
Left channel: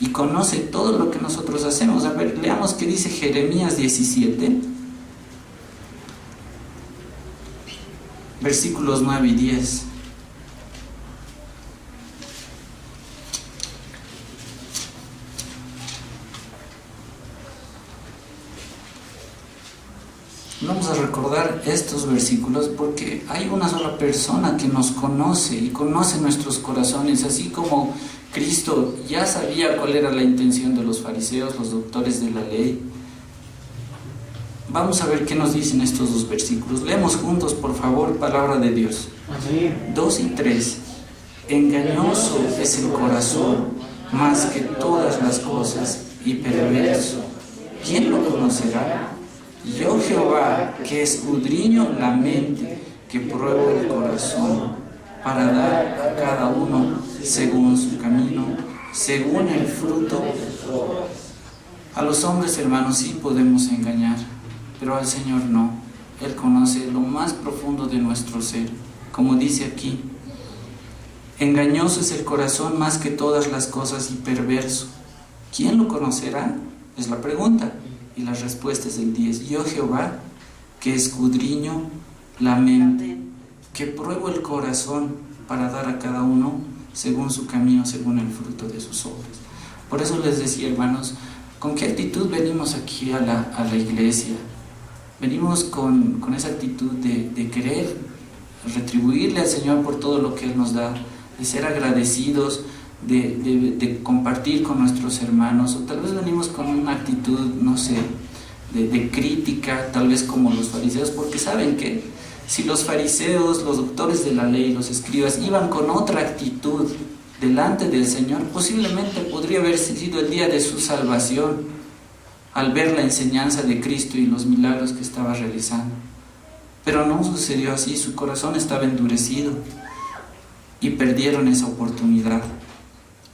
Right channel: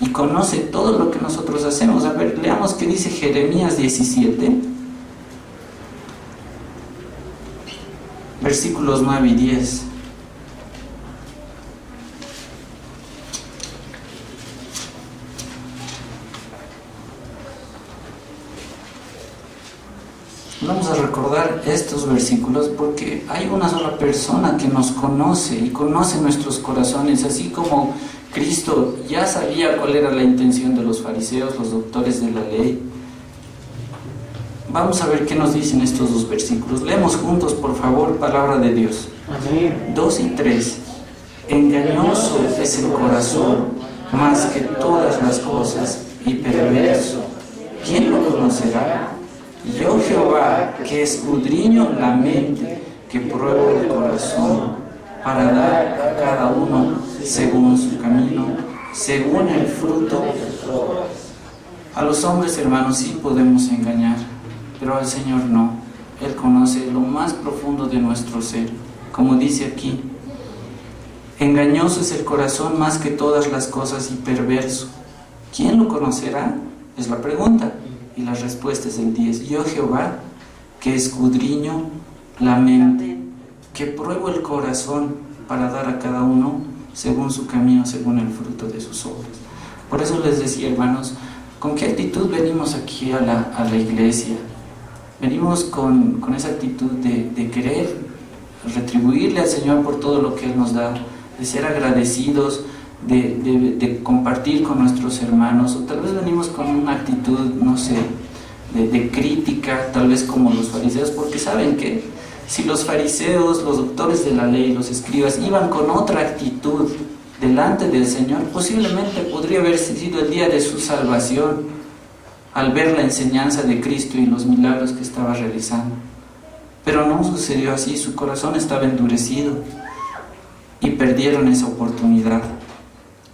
y conoce todo lo que nosotros hacemos. A ver, leamos qué dice Jeremías 17, versículos 9 y 10. Vamos a recordar estos versículos porque hay una sola persona que nos conoce y conoce nuestros corazones, así como Cristo ya sabía cuál era la intención de los fariseos, los doctores de la ley. Vamos a ver qué nos dicen estos dos versículos. Leemos juntos, por favor, palabra de Dios. Amén. 2 y 3. Engañoso es el corazón más que todas las cosas y perverso. ¿Quién lo conocerá? Yo Jehová, que escudriño la mente, que pruebo el corazón, para dar a cada uno según su camino, según el fruto. A los hombres, hermanos, sí podemos engañar, pero al Señor no. Él conoce lo más profundo de nuestro ser, como dice aquí. Engañoso es el corazón más que todas las cosas y perverso. ¿Quién lo conocerá? Es la pregunta. Y la respuesta es el 10. Yo Jehová, que escudriño la mente, que pruebo el corazón para dar a cada uno según su camino, según el fruto de sus obras. Por eso les decía, hermanos, ¿con qué actitud venimos aquí a la iglesia? Venimos con esa actitud de querer retribuirle al Señor por todo lo que Él nos da, de ser agradecidos, de compartir con nuestros hermanos, o tal vez venimos con una actitud, no sé, de crítica, tal vez como los fariseos, porque saben que si los fariseos, los doctores de la ley, los escribas, iban con otra actitud delante del Señor, posiblemente podría haber sido el día de su salvación, al ver la enseñanza de Cristo y los milagros que estaba realizando. Pero no sucedió así, su corazón estaba endurecido y perdieron esa oportunidad.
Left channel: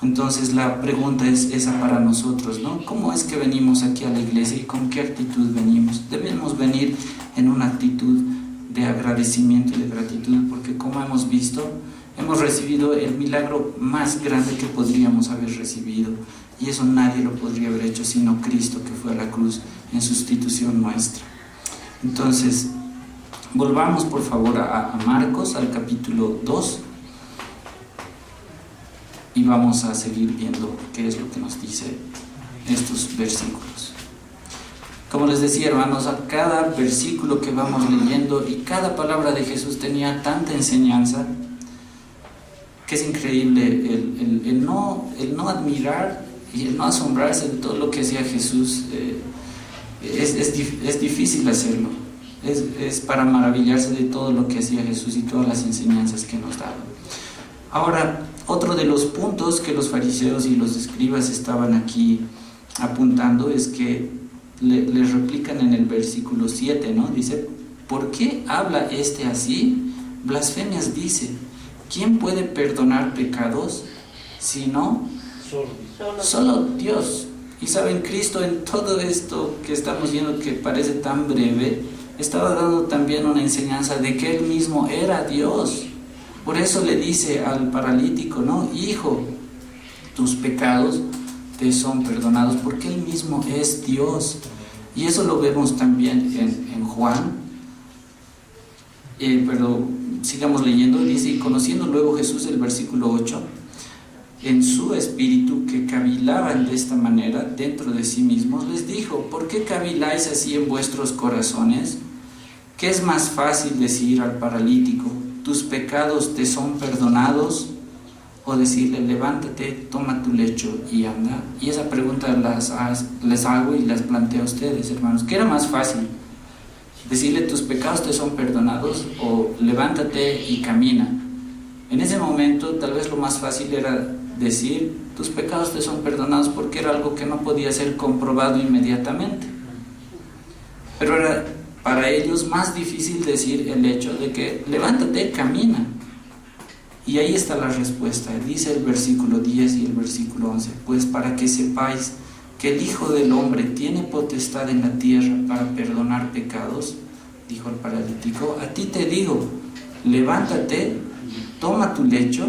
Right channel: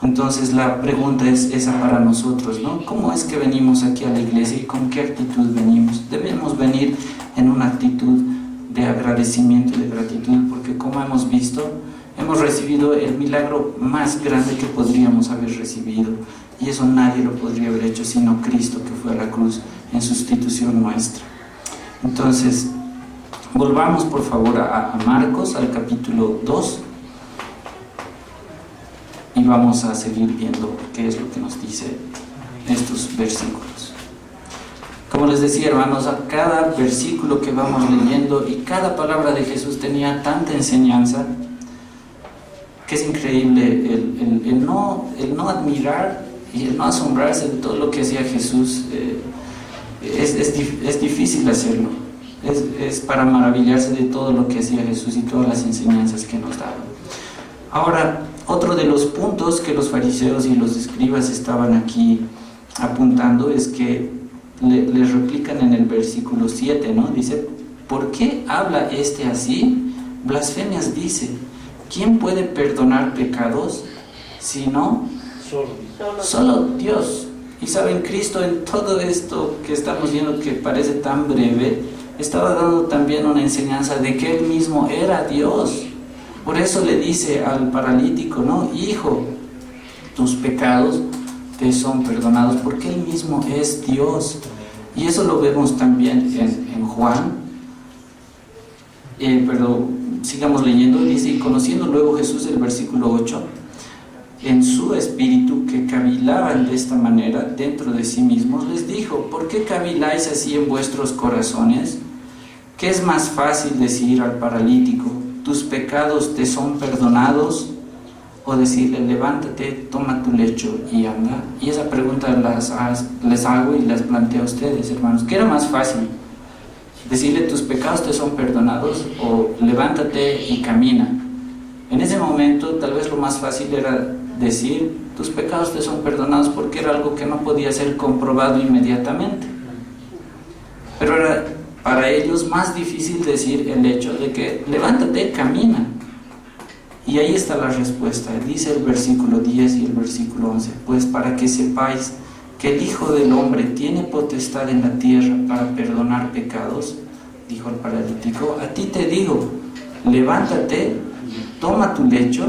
Entonces la pregunta es esa para nosotros, ¿no? ¿Cómo es que venimos aquí a la iglesia y con qué actitud venimos? Debemos venir en una actitud de agradecimiento y de gratitud, porque como hemos visto, hemos recibido el milagro más grande que podríamos haber recibido, y eso nadie lo podría haber hecho sino Cristo, que fue a la cruz en sustitución nuestra. Entonces, volvamos por favor a Marcos, al capítulo 2. Y vamos a seguir viendo qué es lo que nos dice estos versículos. Como les decía, hermanos, a cada versículo que vamos leyendo y cada palabra de Jesús tenía tanta enseñanza que es increíble el no admirar y el no asombrarse de todo lo que hacía Jesús. Es difícil hacerlo. Es para maravillarse de todo lo que hacía Jesús y todas las enseñanzas que nos daba. Ahora, otro de los puntos que los fariseos y los escribas estaban aquí apuntando es que les replican en el versículo 7, ¿no? Dice, ¿por qué habla este así? Blasfemias dice, ¿quién puede perdonar pecados si no? Solo Dios. Y saben, Cristo en todo esto que estamos viendo que parece tan breve, estaba dando también una enseñanza de que Él mismo era Dios. Por eso le dice al paralítico, ¿no? Hijo, tus pecados te son perdonados, porque Él mismo es Dios. Y eso lo vemos también en Juan. Pero sigamos leyendo. Dice, y conociendo luego Jesús, el versículo 8, en su espíritu que cavilaban de esta manera dentro de sí mismos, les dijo, ¿por qué caviláis así en vuestros corazones? ¿Qué es más fácil decir al paralítico, tus pecados te son perdonados? O decirle, levántate, toma tu lecho y anda. Y esa pregunta les hago y les planteo a ustedes, hermanos. ¿Qué era más fácil? Decirle, tus pecados te son perdonados, o levántate y camina. En ese momento, tal vez lo más fácil era decir, tus pecados te son perdonados, porque era algo que no podía ser comprobado inmediatamente. Pero era para ellos más difícil decir el hecho de que, levántate, camina. Y ahí está la respuesta. Dice el versículo 10 y el versículo 11, pues para que sepáis que el Hijo del Hombre tiene potestad en la tierra para perdonar pecados, dijo el paralítico, a ti te digo, levántate, toma tu lecho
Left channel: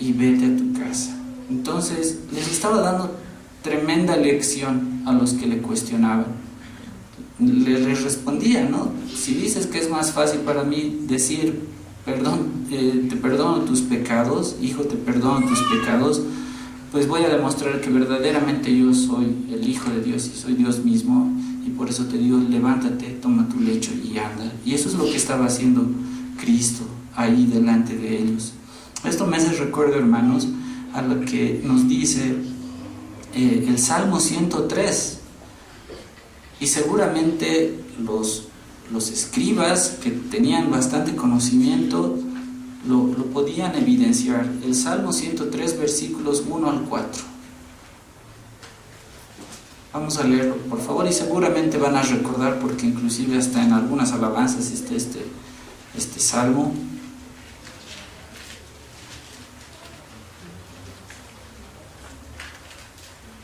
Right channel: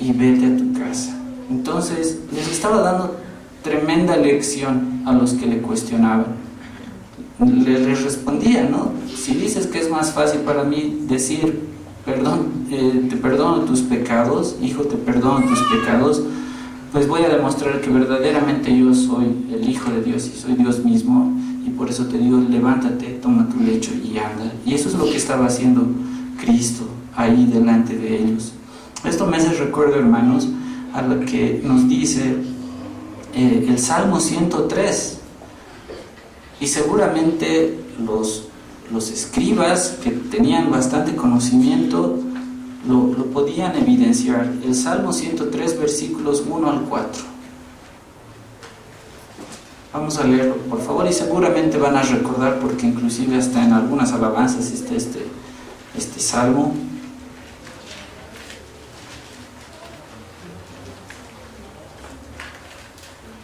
y vete a tu casa. Entonces les estaba dando tremenda lección a los que le cuestionaban. Les respondía, ¿no? Si dices que es más fácil para mí decir, perdón, te perdono tus pecados, hijo, te perdono tus pecados, pues voy a demostrar que verdaderamente yo soy el Hijo de Dios y soy Dios mismo, y por eso te digo, levántate, toma tu lecho y anda. Y eso es lo que estaba haciendo Cristo ahí delante de ellos. Esto me hace recuerdo, hermanos, a lo que nos dice el Salmo 103, y seguramente los escribas que tenían bastante conocimiento lo podían evidenciar. El Salmo 103, versículos 1 al 4. Vamos a leerlo, por favor, y seguramente van a recordar, porque inclusive hasta en algunas alabanzas está este salmo.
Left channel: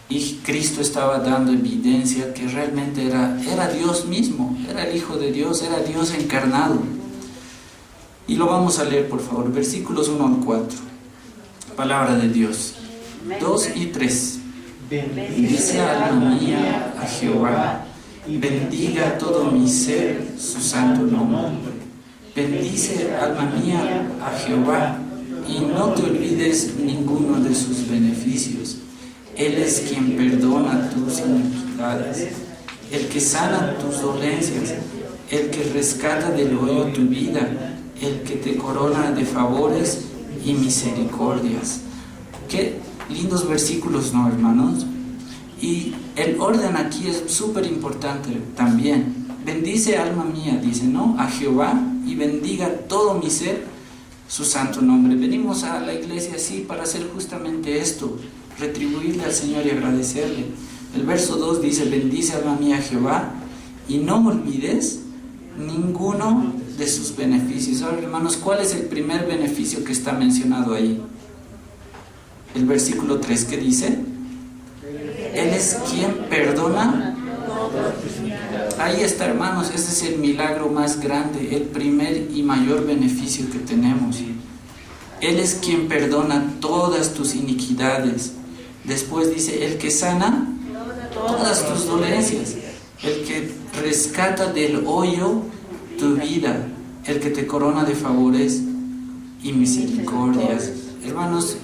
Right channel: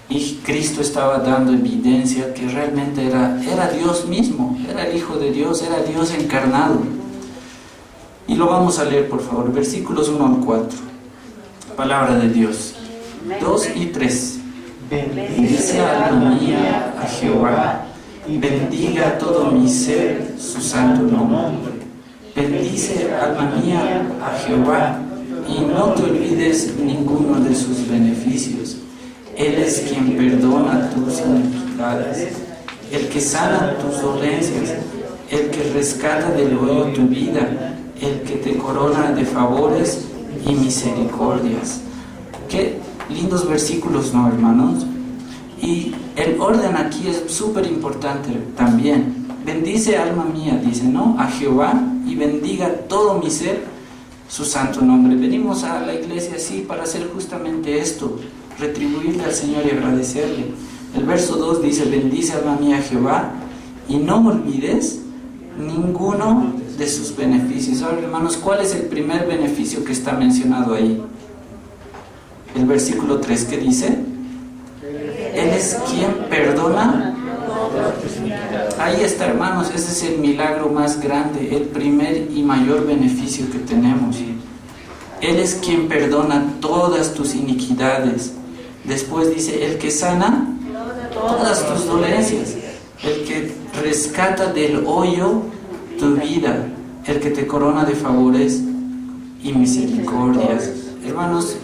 Y Cristo estaba dando evidencia que realmente era Dios mismo, era el Hijo de Dios, era Dios encarnado. Y lo vamos a leer, por favor, versículos 1 al 4. Palabra de Dios. 2 y 3. Bendice alma mía a Jehová, bendiga todo mi ser su santo nombre. Bendice alma mía a Jehová, y no te olvides ninguno de sus beneficios. Él es quien perdona tus iniquidades, el que sana tus dolencias, el que rescata del hoyo tu vida, el que te corona de favores y misericordias. Qué lindos versículos, ¿no, hermanos? Y el orden aquí es súper importante también. Bendice alma mía, dice, ¿no? A Jehová, y bendiga todo mi ser su santo nombre. Venimos a la iglesia así para hacer justamente esto, retribuirle al Señor y agradecerle. El verso 2 dice, bendice alma mía a Jehová, y no olvides ninguno de sus beneficios. Ahora, hermanos, ¿cuál es el primer beneficio que está mencionado ahí? El versículo 3, ¿qué dice? Él es quien perdona. Ahí está, hermanos, ese es el milagro más grande, el primer y mayor beneficio que tenemos. Él es quien perdona todas tus iniquidades. Después dice, el que sana todas tus dolencias, el que rescata del hoyo tu vida, el que te corona de favores y misericordias. Hermanos,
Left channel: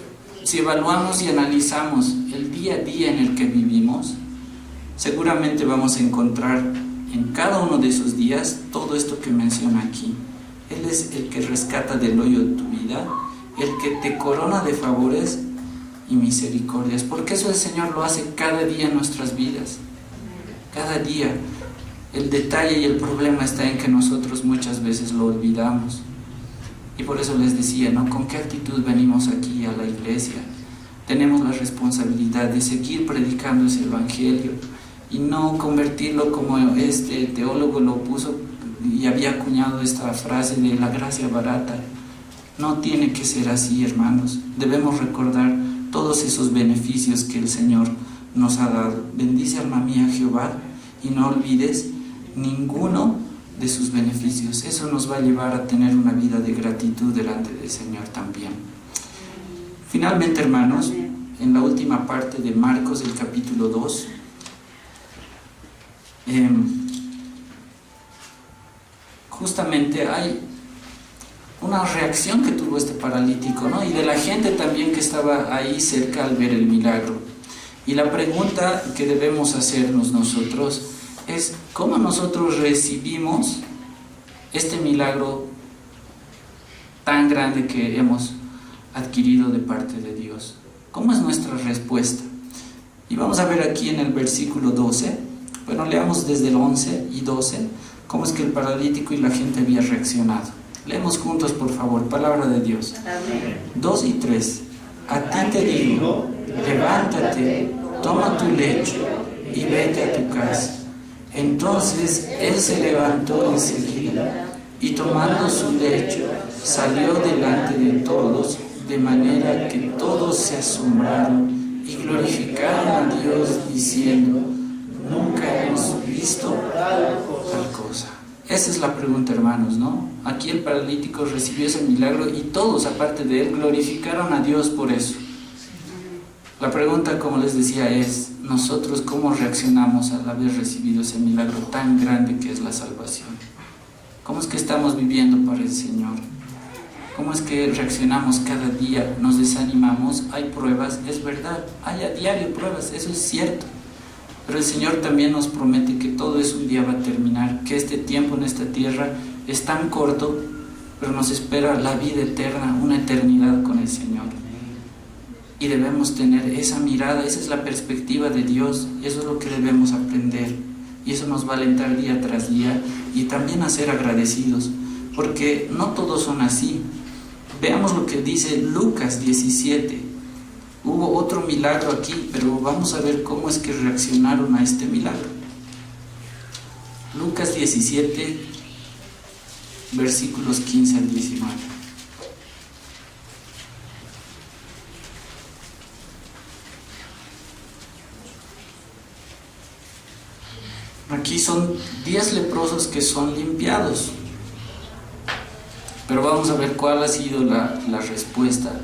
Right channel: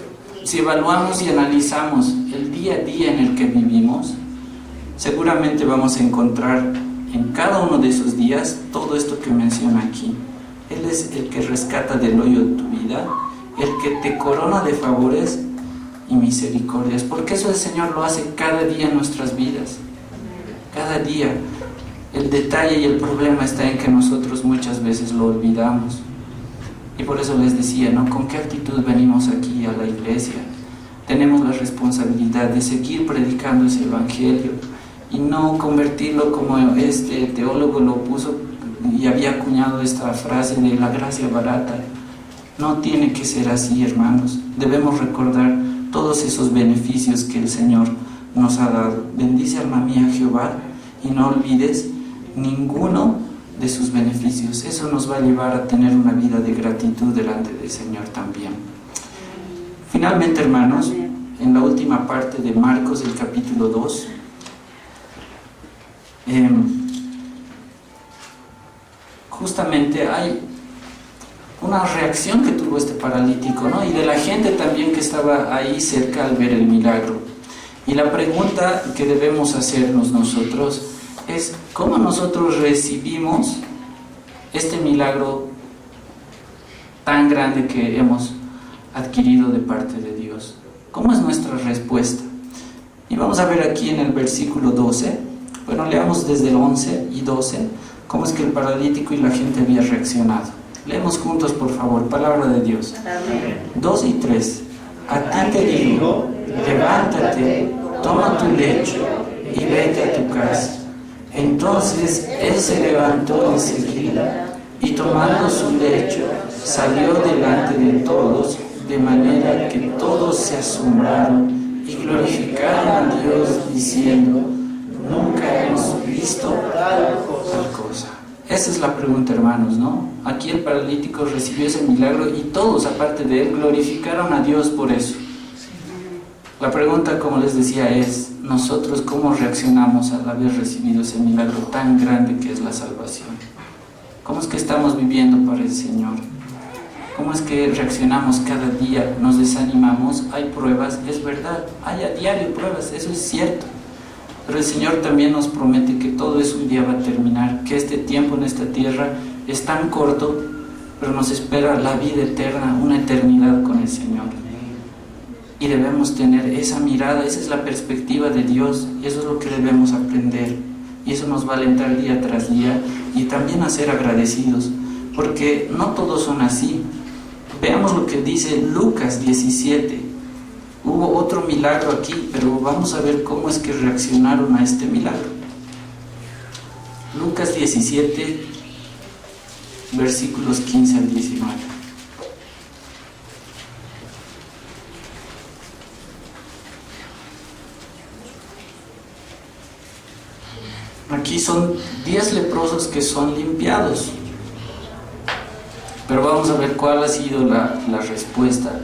si evaluamos y analizamos el día a día en el que vivimos, seguramente vamos a encontrar en cada uno de esos días todo esto que menciona aquí. Él es el que rescata del hoyo tu vida, el que te corona de favores y misericordias, porque eso el Señor lo hace cada día en nuestras vidas, cada día. El detalle y el problema está en que nosotros muchas veces lo olvidamos. Y por eso les decía, ¿no? ¿Con qué actitud venimos aquí a la iglesia? Tenemos la responsabilidad de seguir predicando ese evangelio y no convertirlo como este teólogo lo puso y había acuñado esta frase de la gracia barata. No tiene que ser así, hermanos. Debemos recordar todos esos beneficios que el Señor nos ha dado. Bendice, alma mía, Jehová, y no olvides ninguno de sus beneficios. Eso nos va a llevar a tener una vida de gratitud delante del Señor también. Finalmente, hermanos, en la última parte de Marcos, el capítulo 2, justamente hay una reacción que tuvo este paralítico, ¿no? Y de la gente también que estaba ahí cerca al ver el milagro. Y la pregunta que debemos hacernos nosotros es: ¿cómo nosotros recibimos este milagro tan grande que hemos adquirido de parte de Dios? ¿Cómo es nuestra respuesta? Y vamos a ver aquí en el versículo 12, bueno, leamos desde el 11 y 12, cómo es que el paralítico y la gente había reaccionado. Leemos juntos, por favor, palabra de Dios. Amén. 2 y 3. A ti te digo, levántate, toma tu lecho y vete a tu casa. Entonces él se levantó enseguida y tomando su lecho salió delante de todos, de manera que todos se asombraron y glorificaron a Dios diciendo: nunca hemos visto tal cosa. Esa es la pregunta, hermanos, ¿no? Aquí el paralítico recibió ese milagro y todos, aparte de él, glorificaron a Dios por eso. La pregunta, como les decía, es: nosotros ¿cómo reaccionamos al haber recibido ese milagro tan grande que es la salvación? ¿Cómo es que estamos viviendo para el Señor? ¿Cómo es que reaccionamos cada día? ¿Nos desanimamos? Hay pruebas, es verdad, hay a diario pruebas, eso es cierto. Pero el Señor también nos promete que todo eso un día va a terminar, que este tiempo en esta tierra es tan corto, pero nos espera la vida eterna, una eternidad con el Señor. Y debemos tener esa mirada, esa es la perspectiva de Dios, y eso es lo que debemos aprender. Y eso nos va a alentar día tras día y también a ser agradecidos, porque no todos son así. Veamos lo que dice Lucas 17. Hubo otro milagro aquí, pero vamos a ver cómo es que reaccionaron a este milagro. Lucas 17, versículos 15 al 19. Aquí son 10 leprosos que son limpiados. Pero vamos a ver cuál ha sido la respuesta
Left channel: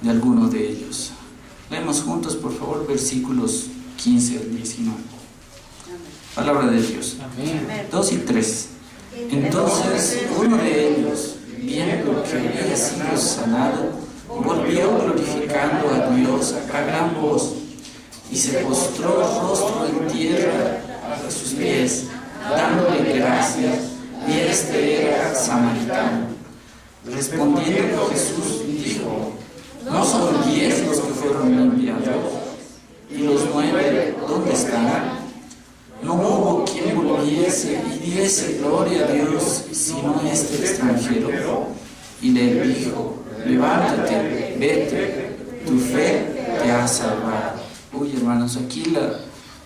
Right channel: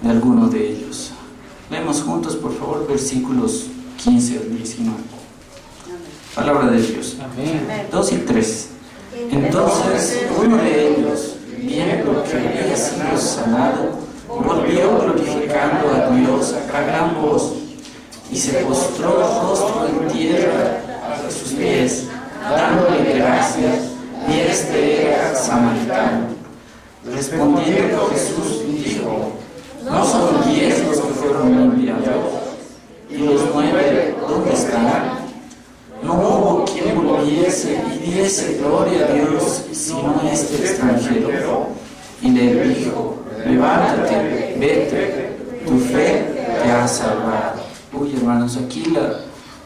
de alguno de ellos. Leemos juntos, por favor, versículos 15 al 19. Palabra de Dios. Amén. 2 y 3. Entonces uno de ellos, viendo que había sido sanado, volvió glorificando a Dios a gran voz y se postró rostro en tierra a sus pies, dándole gracias, y este era samaritano. Respondiendo Jesús dijo: ¿no son 10 los que fueron limpiados? ¿Y los 9 dónde están? No hubo quien volviese y diese gloria a Dios sino este extranjero. Y le dijo: levántate, vete, tu fe te ha salvado. Uy, hermanos, aquí la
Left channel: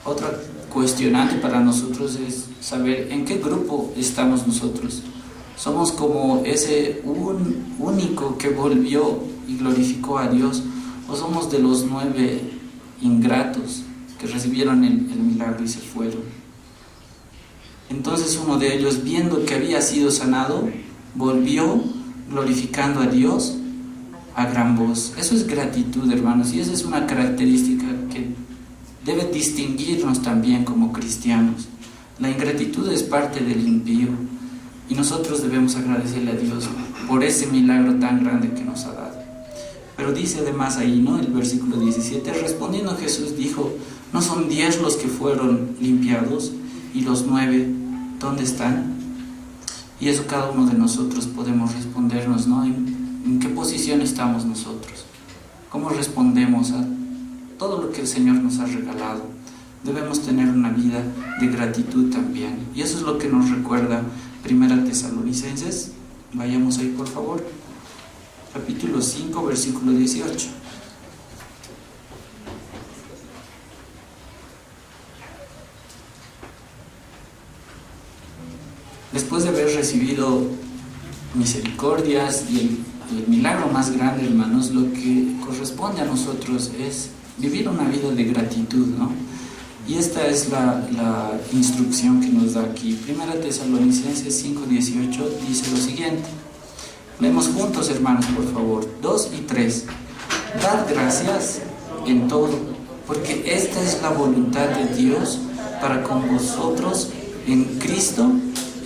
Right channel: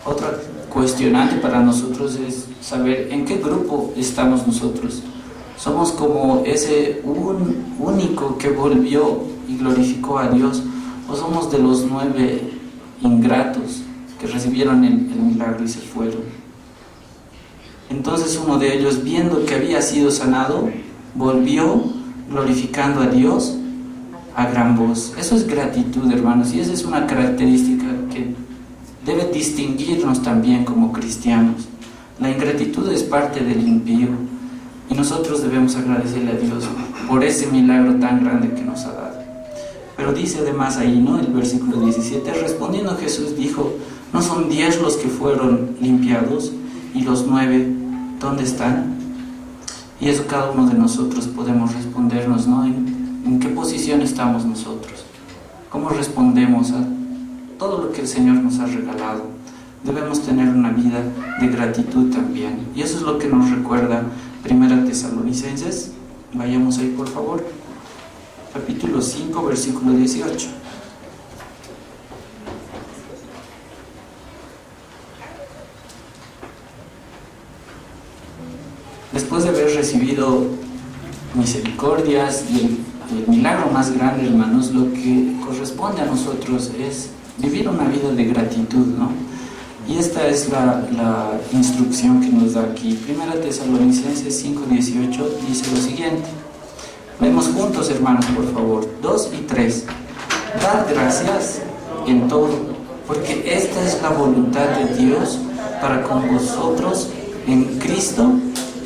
otra cuestionante para nosotros es saber en qué grupo estamos nosotros. ¿Somos como ese único que volvió y glorificó a Dios? ¿O somos de los 9 ingratos que recibieron el milagro y se fueron? Entonces uno de ellos, viendo que había sido sanado, volvió glorificando a Dios a gran voz. Eso es gratitud, hermanos, y esa es una característica que debe distinguirnos también como cristianos. La ingratitud es parte del impío y nosotros debemos agradecerle a Dios por ese milagro tan grande que nos ha dado. Pero dice además ahí, ¿no? El versículo 17, respondiendo Jesús dijo: ¿No son 10 los que fueron limpiados? ¿Y los 9 dónde están? Y eso cada uno de nosotros podemos respondernos, ¿no? ¿En qué posición estamos nosotros? ¿Cómo respondemos a todo lo que el Señor nos ha regalado? Debemos tener una vida de gratitud también. Y eso es lo que nos recuerda 1 Tesalonicenses. Vayamos ahí, por favor. Capítulo 5, versículo 18. Después de haber recibido misericordias y el milagro más grande, hermanos, lo que corresponde a nosotros es vivir una vida de gratitud, ¿no? Y esta es la instrucción que nos da aquí. 1 Tesalonicenses 5:18 dice lo siguiente. Leemos juntos, hermanos, por favor. 2 y 3. Dad gracias en todo, porque esta es la voluntad de Dios para con vosotros en Cristo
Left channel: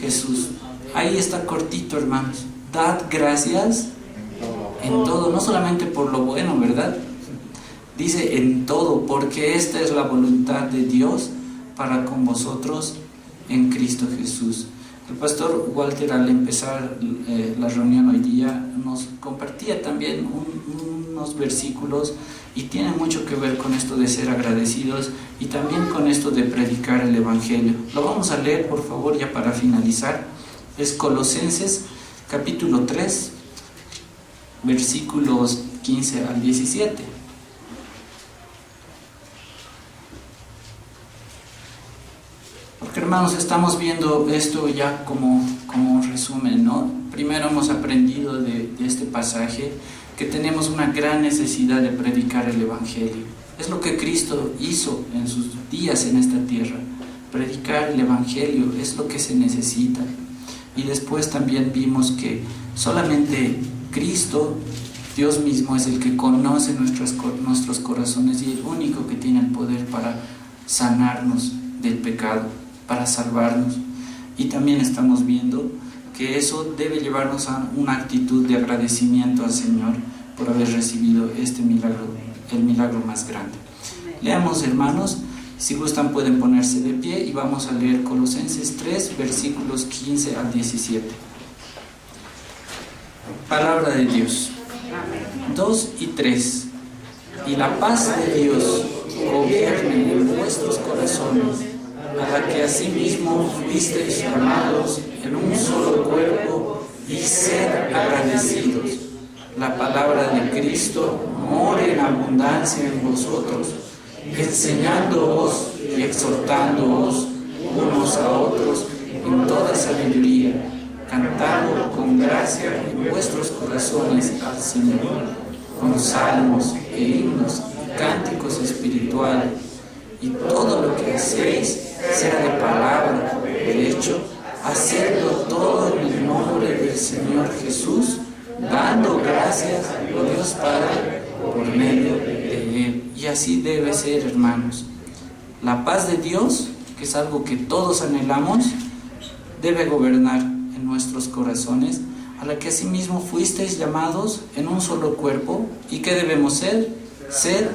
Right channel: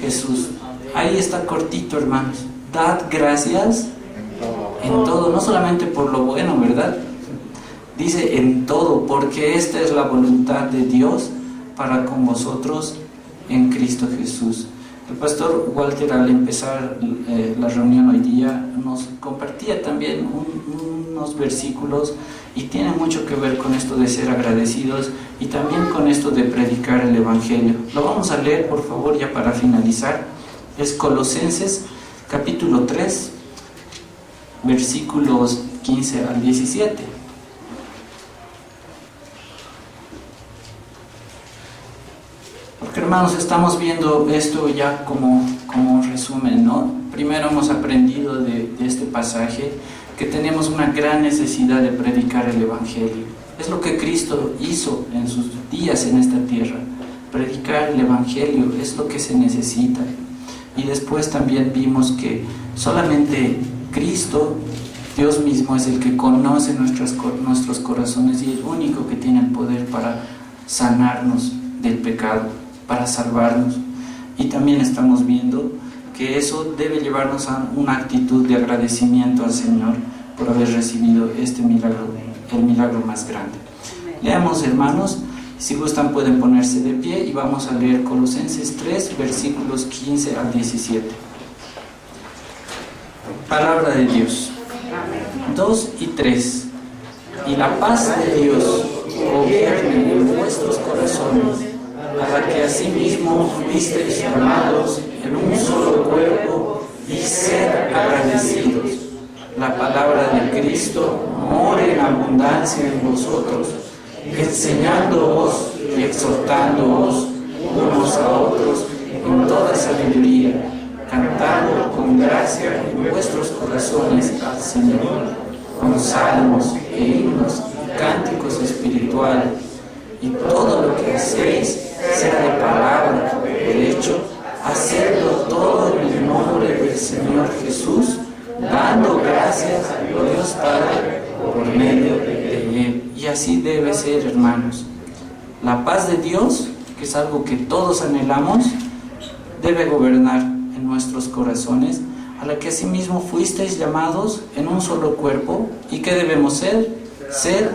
Jesús. Ahí está cortito, hermanos. Dad gracias en todo, no solamente por lo bueno, ¿verdad? Dice en todo, porque esta es la voluntad de Dios para con vosotros en Cristo Jesús. El pastor Walter, al empezar la reunión hoy día, nos compartía también unos versículos y tiene mucho que ver con esto de ser agradecidos y también con esto de predicar el Evangelio. Lo vamos a leer, por favor, ya para finalizar. Es Colosenses capítulo 3, versículos 15 al 17. Porque, hermanos, estamos viendo esto ya como un resumen, ¿no? Primero hemos aprendido de este pasaje que tenemos una gran necesidad de predicar el Evangelio. Es lo que Cristo hizo en sus días en esta tierra. Predicar el Evangelio es lo que se necesita. Y después también vimos que solamente Cristo, Dios mismo, es el que conoce nuestros corazones y el único que tiene el poder para sanarnos del pecado, para salvarnos. Y también estamos viendo que eso debe llevarnos a una actitud de agradecimiento al Señor por haber recibido este milagro, el milagro más grande. Leamos, hermanos, si gustan pueden ponerse de pie y vamos a leer Colosenses 3, versículos 15 al 17. Palabra de Dios. 2 y 3. Y la paz de Dios gobierne en vuestros corazones, a la que asimismo fuisteis llamados en un solo cuerpo, y sed agradecidos. La palabra de Cristo more en abundancia en vosotros, enseñándoos y exhortándoos unos a otros en toda sabiduría, cantando con gracia en vuestros corazones al Señor, con salmos e himnos y cánticos espirituales. Y todo lo que hacéis, sea de palabra o de hecho, hacedlo todo en el nombre del Señor Jesús, dando gracias a Dios Padre por medio de Él. Y así debe ser, hermanos. La paz de Dios, que es algo que todos anhelamos, debe gobernar en nuestros corazones, a la que asimismo fuisteis llamados en un solo cuerpo. ¿Y qué debemos ser? Ser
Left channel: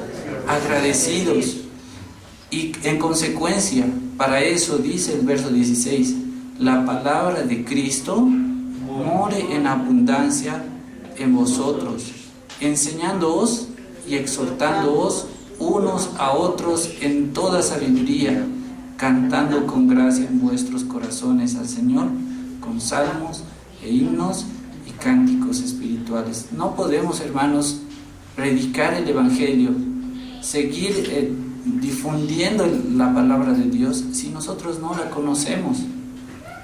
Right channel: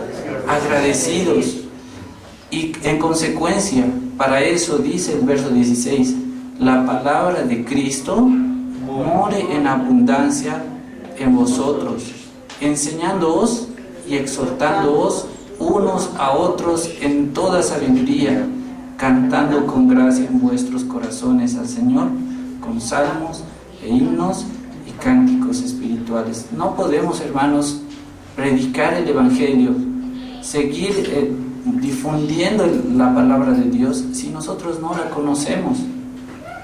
agradecidos. Y en consecuencia, para eso dice el verso 16, la palabra de Cristo more en abundancia en vosotros, enseñándoos y exhortándoos unos a otros en toda sabiduría, cantando con gracia en vuestros corazones al Señor, con salmos e himnos y cánticos espirituales. No podemos, hermanos, predicar el Evangelio, seguir difundiendo la palabra de Dios si nosotros no la conocemos.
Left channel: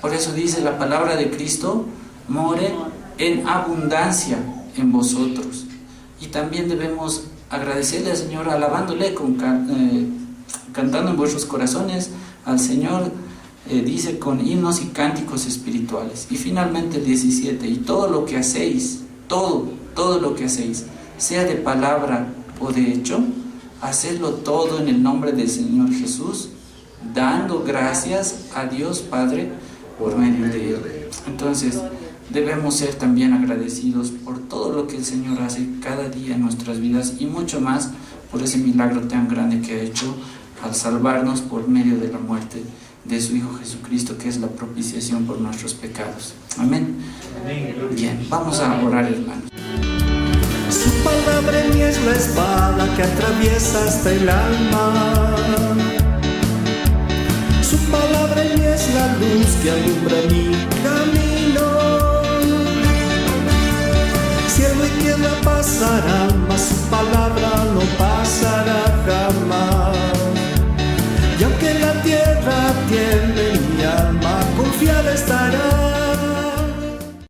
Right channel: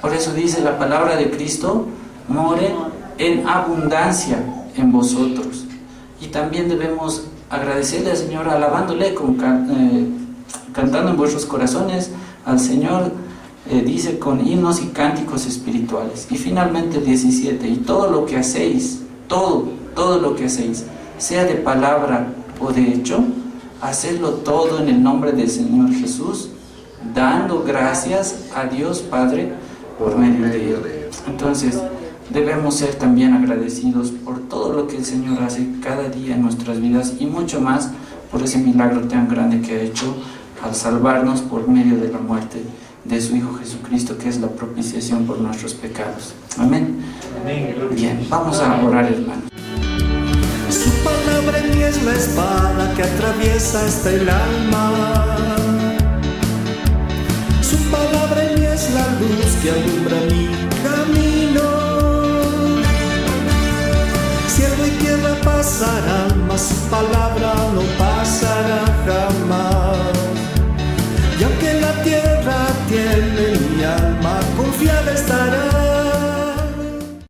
Por eso dice la palabra de Cristo more en abundancia en vosotros. Y también debemos agradecerle al Señor alabándole, cantando en vuestros corazones al Señor, dice con himnos y cánticos espirituales. Y finalmente el 17, y todo lo que hacéis, todo lo que hacéis, sea de palabra o de hecho, hacedlo todo en el nombre del Señor Jesús, dando gracias a Dios Padre por medio de Él. Entonces, debemos ser también agradecidos por todo lo que el Señor hace cada día en nuestras vidas y mucho más por ese milagro tan grande que ha hecho al salvarnos por medio de la muerte de su Hijo Jesucristo, que es la propiciación por nuestros pecados. Amén. Bien, vamos a orar, hermanos. Su palabra en mí es la espada que atraviesa hasta el alma. Su palabra en mí es la luz que alumbra mi camino. Cielo y tierra pasarán, mas su palabra no pasará jamás. Y aunque la tierra tiemble, mi alma confiada estará.